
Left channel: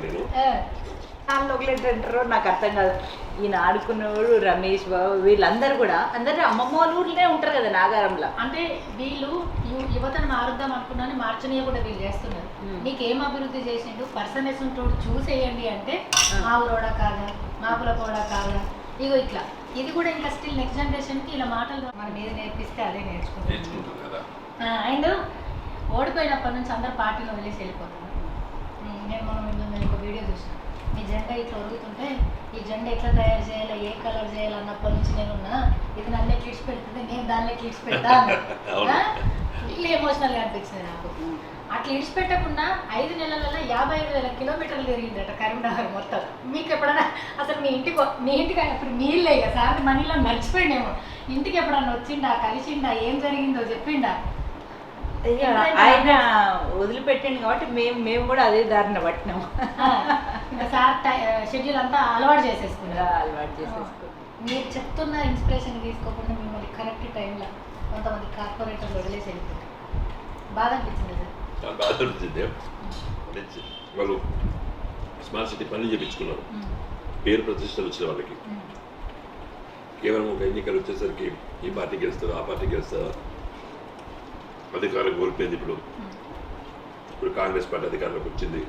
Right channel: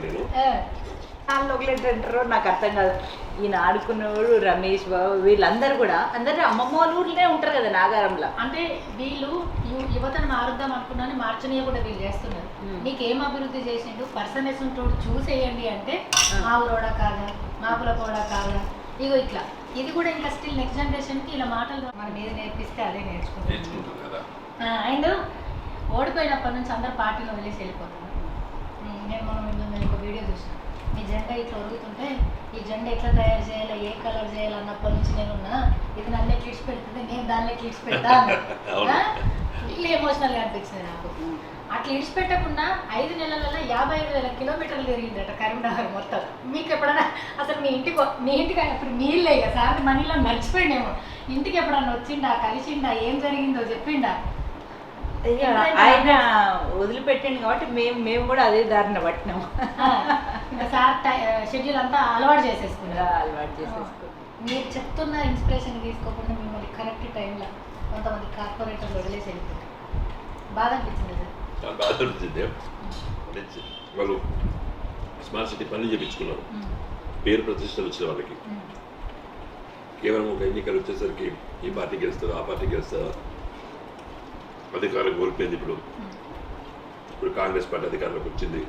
వాళ్ళు ఒకలేంటారో నాకు అర్థం కాదు. ఈయన ఆడుకున్నవాడు రమేష్ బాబు వీళ్ళందరూ కూడా అందరూ అమ్మమ్మ వాళ్ళ ఊర్లోనే ఉంటారు కదా నాగారంలో. అంటే వీళ్ళు యువతను మారుద్దాం అనుకున్నాను, మార్చనీయ కూడా వీళ్ళు చేస్తున్నారు. నీకేం అభివృద్ధి చేసిండు పర్సనెస్ ఉంటోడు చూసేయండి అంటే మా ఊరోడా కాదా, మా కులపోడా కాదా, ఇగో ఇట్లా. ఇది కూడా ఇంకా స్టిల్ నెక్స్ట్ జనరేషన్కి ఇలా మాటలు మనం ఏది నేర్పిస్తే అదే నేర్చుకుంటారు కదా. అండ్ ఓడిపోయినప్పటి నుంచి అందరు పార్టీలో వదిలేసి వెళ్ళిపోతున్నారు. నేను మనం ఒక వీడియో చూసాను, మీ జెండా ఇట్లా ఒరుగుతుంటే ఈ జెండా ఎట్లా తయారు చేయాలి, ఏ కలర్ చేయాలి అన్నప్పటి నుంచి నేనున్నా, ఇది నన్ను ఎట్లా ఇడిచి పెడుతుంది, నేను దాన్ని ఎట్లా ఇడిచి పెడతా ఇట్లా ఎమోషనల్గా అనిపించింది నాకు. అట్లా ఇడిచిపెట్టకుండా 5 నెలలలో 55,000 కిలోమీటర్లు తిరిగిందట కరీంనగర్ మొత్తం. మీకు ఎప్పుడైనా అసలు మీ ఇంటికి ఇప్పుడు మీళ్ళే ఇక సార్ మనీలో మర్చిపోయిండేమో, ఇంటికి ఎప్పుడన్నా వచ్చిండా, కలిసిండా, ఏం జరిగిందో చెప్పిండా? ఆయన వదిలిపెట్టింది కాబట్టి మేము కూడా అదే దారిన పట్టినాము. ఇంకా సార్ షెడ్యూల్ అంతా అలవాటు చేసేసుకున్నారు. మీరు చెప్తున్న ఇన్స్పిరేషన్ తీసుకోకుండా మిమ్మల్ని కరెక్ట్ టైంలో కొంతమంది కార్పొరేటర్లు వదిలేసి వెళ్ళిపోతారు. బాధ అనిపించింది సార్. చాలా బాధ అనిపించింది. వాళ్ళు స్మార్ట్ సిటీ పనులు చేయించుకున్నారు, పేరు ప్రతిష్టలు వచ్చిన వాళ్ళకి. కేవలం ఒక ఎన్నికలు వచ్చేసరికి ఈ పార్టీ గెలుస్తారు, ఆ పార్టీ గెలుస్తారు, అధికారం కోల్పోయింది. ఇప్పుడు కాంగ్రెస్ పార్టీ అధికారంలోకి వచ్చింది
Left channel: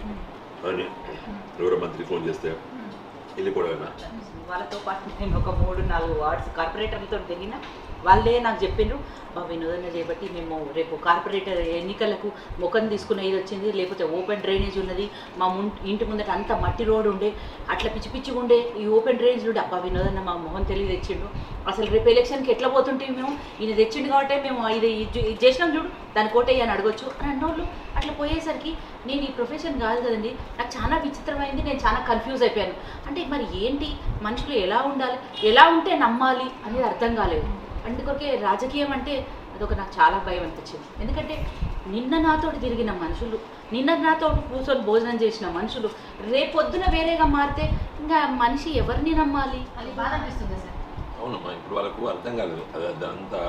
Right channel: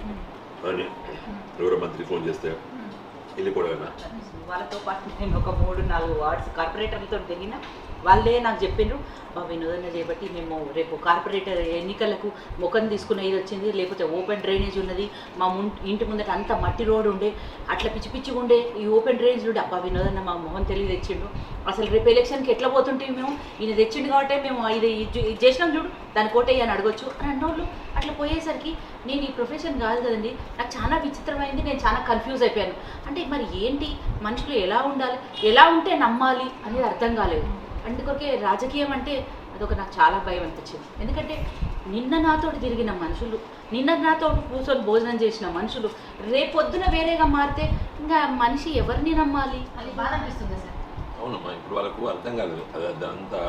అని ఎవరో మంత్రి ఫోన్ చేస్తే వెళ్ళిపోవడం. వాళ్ళతో పాటు నేను ఒక 3-4 వార్డ్స్ కార్పొరేటర్లతో తిరిగిన వాళ్ళే నాకు చెప్పారు, వినోదం చేయబట్టి మేము రేపు కార్పొరేటర్ ఎన్నికలకు ముఖం తీసుకుని ఇది వచ్చింది, లేకపోతే ఓపెన్ డ్రైనేజ్ ఉన్నది, మా ఇంటి ముందట అంతా మట్టి రోడ్ ఉండే, అట్లా పిచ్చి పిచ్చిగా ఉండే ఈ ఓపెన్ డ్రైనేజ్ ఉండే. అబ్బా వినోదన్న మా మొహం తెలియదు తెచ్చిండు, అసలు రేపు ఎలక్షన్కి ఎట్లా పోతుంటే మేము ఇది తెచ్చిండు కాబట్టి మేము ఇది చేసినాం చూడు దాని కోట అని అడగొచ్చు అని అన్నోళ్ళు. అట్లా పోయేసరికి నేను ఈ ప్రొఫెషన్ కాదు కదండి, నాకు చాలా విచిత్రమైంది, నేను చాలా కన్ఫ్యూజ్ అయిపోయాను. అంటే మరి ఏంటి మనుషులు ఎలా ఉండాలి, ఎలా ఉంటే నమ్మాలి అనేది అర్థం కాలేదు. అందుకొకే రాజకీయం అంటే అదొక నాకు చాలా భయం అనిపించింది. ఎందుకంటే నిన్న నాతో తిరిగిన మనుషులు, నిన్న నాతో కూర్చొని భోజనం చేసిన మనుషులు రేపొద్దున వేరేగా మారితే ఇంకా మనిషి ఎవరిని నమ్మాలి అని బాగా అనిపిస్తుంది సార్. అవునమ్మా, ఇప్పుడు వాళ్ళకు అర్థం కాదు. అదంతా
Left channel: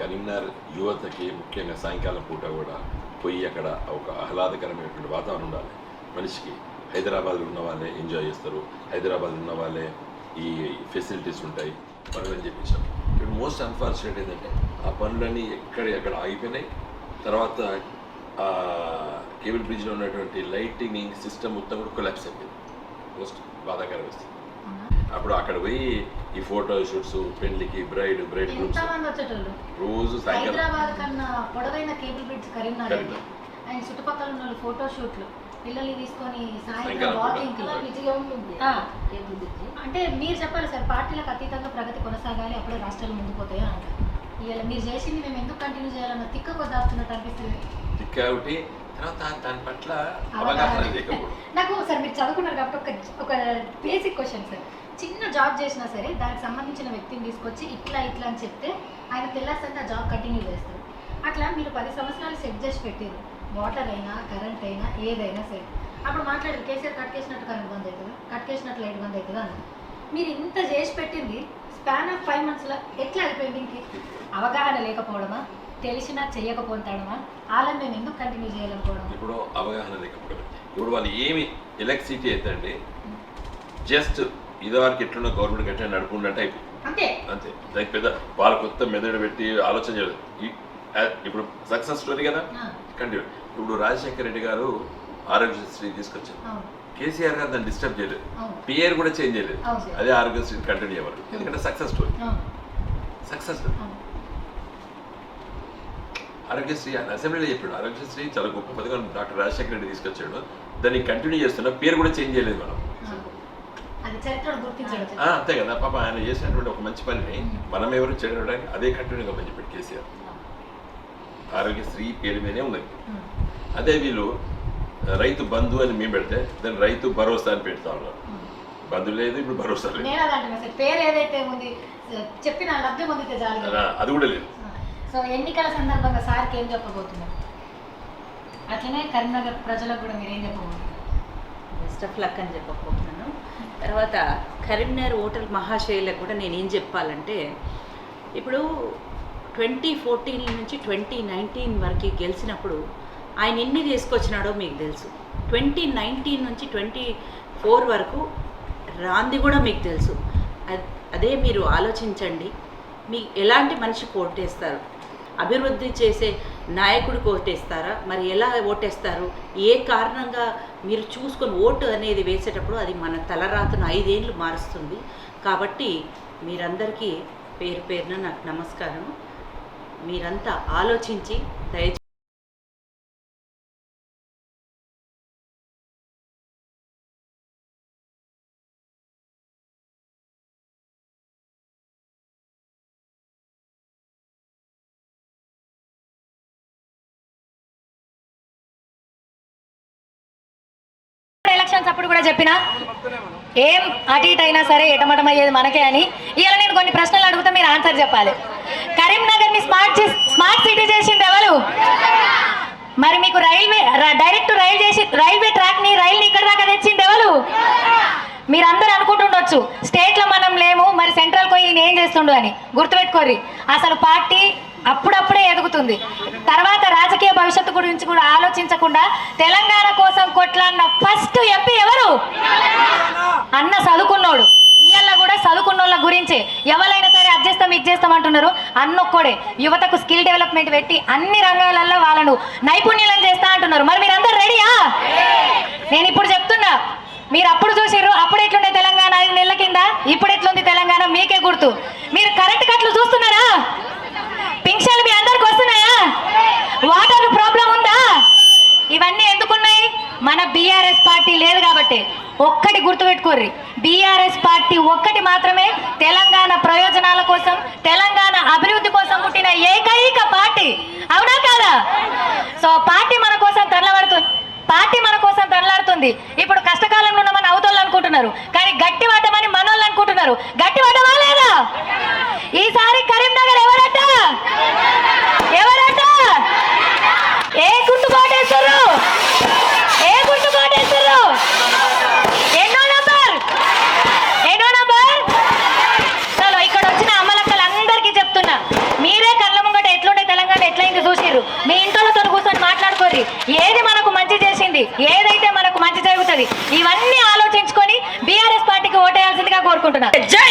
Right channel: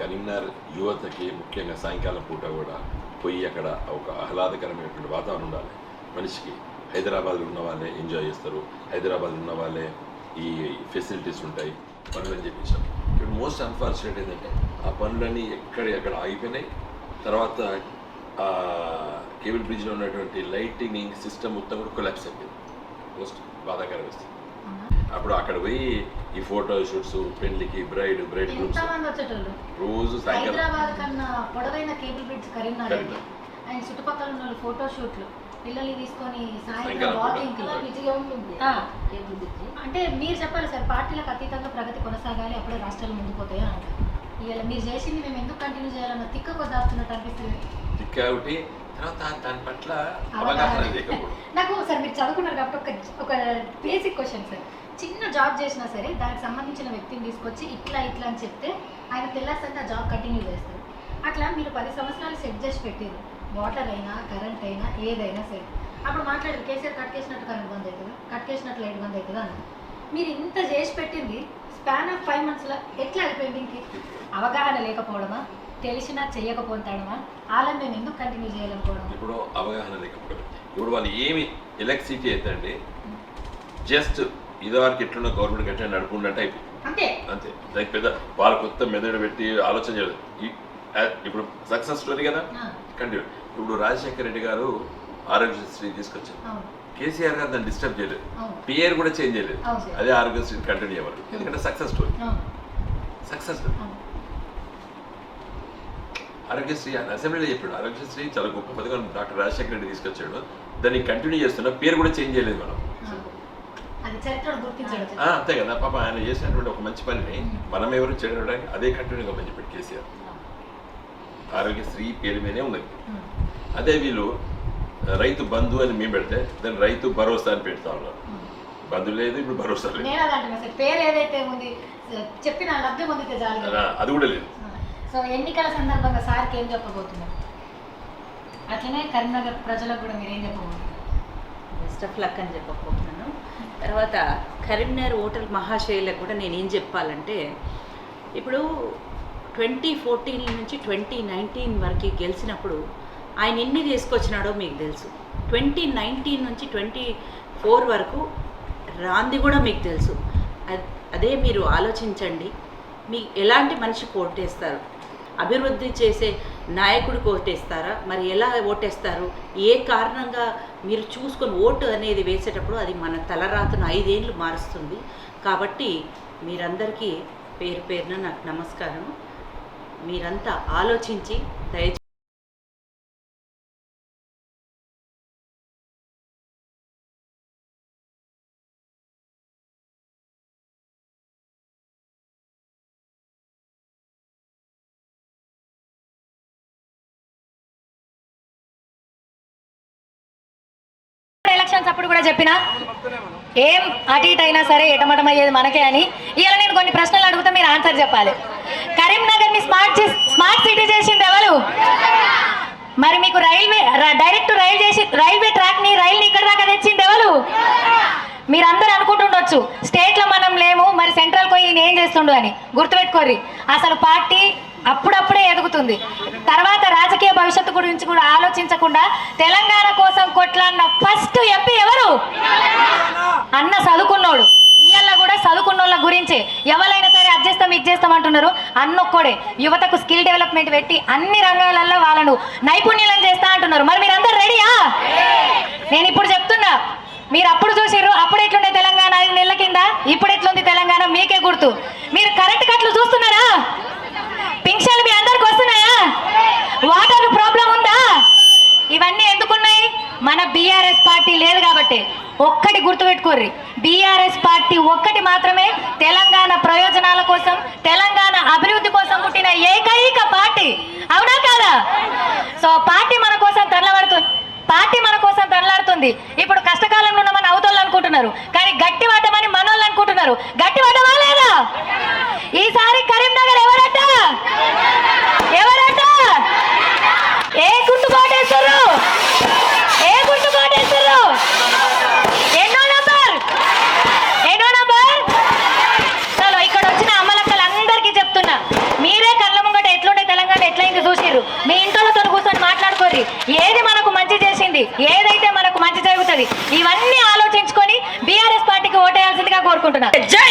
కరీంనగర్ యువతకి ముఖ్యంగా సాయంకాలం పూట కూడా పోయి అక్కడ ఒక ఆహ్లాదకరమైనటువంటి వాతావరణం మనిషికి హైదరాబాద్ ఉన్న వాళ్ళే ఎంజాయ్ చేస్తారు, హైదరాబాద్ ఉన్న వాళ్ళే ఈ ఫెసిలిటీస్ ఉంటాయి పనులని చెప్పేసి. మోస్ట్ అన్ఫార్చునేట్ ఏంటంటే పనులన్నీ ఎక్కడ అయిపోయినాయి. తర్వాత కేబుల్ బ్రిడ్జ్లో ఉన్నటువంటి లైటింగ్ సిస్టమ్ మొత్తం కూడా కొలాప్స్ బాధాకర వస్తుంది. అప్పుడు అక్కడ పోయి ఈ ఫోటో షూట్స్, పెళ్లికి బ్రైడ్ షూట్స్ రోజు సాయంకాలం అంటే మీరు చెప్పాలి సార్, పార్టీలకు అతీతంగా ప్రగతి కొనసాగాలి, అప్పుడే రాష్ట్రాలు ముందుకుపోతాయి అని అంటారు. మీరు చేసింది మేము ఎందుకు కంటిన్యూ చేయాలన్న తిక్క కొద్దాస్తున్నట్టు అనిపిస్తుంది. తిక్క ఒకటి, తర్వాత దాని పట్ల అవగాహన లేదు. నాకు సార్ మీరు చదువుకున్నారు కాబట్టి ఒక బేసిక్ క్వశ్చన్ సార్. చిన్న జాబ్ చేసినా సరే దానికి సంబంధించిన వ్యక్తిని తీసుకొచ్చి ఇట్లా అని చెప్తే ఆయన తెల్లారిసరికి ఆ జాబ్ కంటిన్యూ చేస్తుంది. అట్లా మీరు 10 సంవత్సరాలు సెట్ చేసి పెట్టారు, వాటర్ అయినా కరెంట్ అయినా ఏదైనా సరే. అప్పుడు మాట్లాడి కేసీఆర్ కట్ చేసినట్టుగా ఇబ్బంది అవుతుంది, కట్ చేసినట్లు ఇబ్బంది అవుతుంది అని మీరు ఇంత చేసి పెట్టింది స్పాన్ ఆఫ్ 5 monthsలో ఎట్లా అయిపోయింది? అవగాహన లేకపోవడమా, తెలిసినా చేయకపోవడమా, వాళ్ళని మేము ఎందుకు కంటిన్యూ చేయలేకపోవడం? ఇప్పుడు అవగాహన లేకపోవడం. ఇప్పుడు వాళ్ళు ఏమి ఎలక్ట్రిసిటీ ఏంటంటే జస్ట్ ఇదివరకు ఎట్లున్న గవర్నమెంట్ ఎట్లా నడుపుకుంటే అయిపోయింది అంతే. దానికి పెద్ద వాళ్ళకి మొత్తం మెదడు పెట్టి ఆలోచన చేయలేదు. ఇప్పుడు సక్సెస్ ఉంది కదా. ఇప్పుడు రాజశేఖర రెడ్డి గారు ఆరోగ్యశ్రీ తీసుకొచ్చారు, కేసీఆర్ గారు దాన్ని డిస్టర్బ్ చేయలేదు, పేరు కూడా చేంజ్ చేయలేదు, అదే ఆరోగ్యశ్రీ కంటిన్యూ అవ్వాలి. ఎందుకంటే సక్సెస్ స్టోరీ. ఆరోగ్యశ్రీ అసెంబ్లీలో చెప్పాడు, ఆరోగ్యశ్రీ చాలా గొప్ప పథకం డాక్టర్ రాజశేఖర రెడ్డి తీసుకొచ్చాడు, దాన్ని కంటిన్యూ చేస్తున్నా, పేరు కూడా చేంజ్ చేయలేదు మనం. అంతే కదా పాప, ఆయన చేసినప్పుడు ఒక మంచి పని మనం ఎవరు చేయడానికి అదే కంటిన్యూగా ఉంది. ఇప్పుడు కేసీఆర్ ఆరోగ్యశ్రీ పేరు మీదే ఉన్నది. అదే వీళ్ళు రైతు బంధు అని మేము పెడితే దాన్ని రైతు భరోసా అని పెడతా ఉన్నారు. బంధు లేదు, ఇప్పుడు భరోసా లేదు, అది కూడా లేదు. సో ఎన్నికల సందర్భంగా సార్కి ఏం చెప్పబోతున్నారు? అట్లనే కరీంనగర్ ప్రజలకు కూడా మీరేం చెప్పబోతున్నారు? బెస్ట్ ఆఫ్ లక్ అని చెప్పకపోతున్నాను. తర్వాత కరీంనగర్ ఓటర్ మహాశయులకు కూడా నేను ఏం చెప్పాలంటే, ఇప్పుడు 2014 నుంచి 2019 వరకు గెలిచినప్పుడు ఆయన ఎన్ని తీసుకొచ్చినాడో మీకు తెలుసు. 2019 నుంచి 24 వరకు రాంది కూడా మీకు తెలుసు. అదే మీరు ఆలోచించండి, మీ ఎలాంటి మనిషి ఓటేస్తారు? అభివృద్ధి చేసే నాయకుడికి ఓటేస్తారా? మరి ఎలా ఓటేస్తారు? ఏ కారణంగా మీరు చూసుకొని ఓటు అనేది వేసేటప్పుడు అది మన తలరాతను 5 ఏళ్ళు మారుస్తుంది. కాబట్టి మీరందరికీ పేరు పేరున నాకు నమస్కారం. మీరంతా ఆలోచించి దయచేసి ఎలక్షన్స్ అప్పుడు కూడా చెప్పినా ఏం అటు ఇటు అయినా సరే ఎటమటమయ్యేది మనకే అని. ఇలా నేను కొన్ని ప్రశ్నలు అడుగుతా, మీరు ఆన్సర్ చెప్పాలి. కరీంనగర్ ని స్మార్ట్ సిటీ చేసింది ఎవరు? మరి మీకు డైరెక్ట్ రైల్వే ట్రాక్ ని ఇక్కడ దాకా తెచ్చింది ఎవరు? మీరందరూ అనుకుంటుండొచ్చు స్టేట్ లో మనం లేము, మరి సెంట్రల్ పోయి ఏం చేస్తుండు అని. గుర్తుపెట్టుకోర్రి, అసలు పార్టీ అప్పుడప్పుడే ఎదుగుతుంది. తర్వాత రాజకీయ భవిష్యత్తు గురించి కూడా ఆలోచించకుండా తెలంగాణ కోసం కొట్లాడిన ఫస్ట్ ఎంపీ ఎవరు? అన్న చదువుకున్నోడు. ఇయ్యాల కూడా చదువుకున్నోళ్ళ గురించే ఎవరైనా సరే ఇది చేస్తాం అంటున్నారు. అన్నొక్కడే యువతకు స్కిల్ డెవలప్మెంట్ పెట్టి అన్ని రంగాలలో వాళ్ళను నైపుణ్యాలను చేస్తా అంటున్నారు. మరి మీరందరూ రెడీయా? నేను ఇప్పుడు చెప్తున్నా, మీరు అప్పుడు చూసారు, అప్పుడు ఎట్లుండే తెలంగాణ 5 నెలల కింద, ఇప్పుడు ఎట్లుంది తెలంగాణ మీకే గుర్తు. మీరు కరెంట్ కట్లు చూస్తున్నారా? పింఛన్లు మీ అందరికి వస్తున్నాయా? వాటర్ ప్రాబ్లం ఉందా? ఇవన్నీ ఎందుకున్నాయి? మన బీఆర్ఎస్ పార్టీ లేదు కాబట్టి. ఒక్కటి గుర్తుపెట్టుకోర్రి, బీఆర్ఎస్ పార్టీ ఒక్కటి మాత్రమే తెలంగాణ ప్రయోజనాల కోసం, తెలంగాణ అభివృద్ధి కోసం పుట్టిన ఏకైక పార్టీ. అవునా కాదా? సో పార్టీ మన కోసం తరలాడుతుంది. ఇప్పుడు కష్టకాలంలో ఉన్నామని అవతోళ్ళు అనుకుంటున్నారు, కానీ గట్టి పడ్డమని మనోళ్ళు అనుకుంటున్నారు. గట్టి పడ్డమా లేదా? ఈసారి కరీంనగర్ ఎవరంట? ఏ గుర్తు కోటేశ్వరు? ఎన్నో నంబర్? చలో, ఇక్కడ వచ్చిన అమ్మలక్కలందరికీ చెప్తున్నా, మీరే కళ్ళ ముంగట ఎట్లుండే తెలంగాణ ఎట్లయింది చూసిర్రు. మీ ఏంటి, ఏది మనకు మంచి చేసింది, ఏదైతే మనకు మంచి జరుగుతుంది, ఇవన్నీ ఆలోచించుకొని బీఆర్ఎస్ పార్టీకి ఓటేయాల్సిందిగా కోరుకుంటున్నాను. జై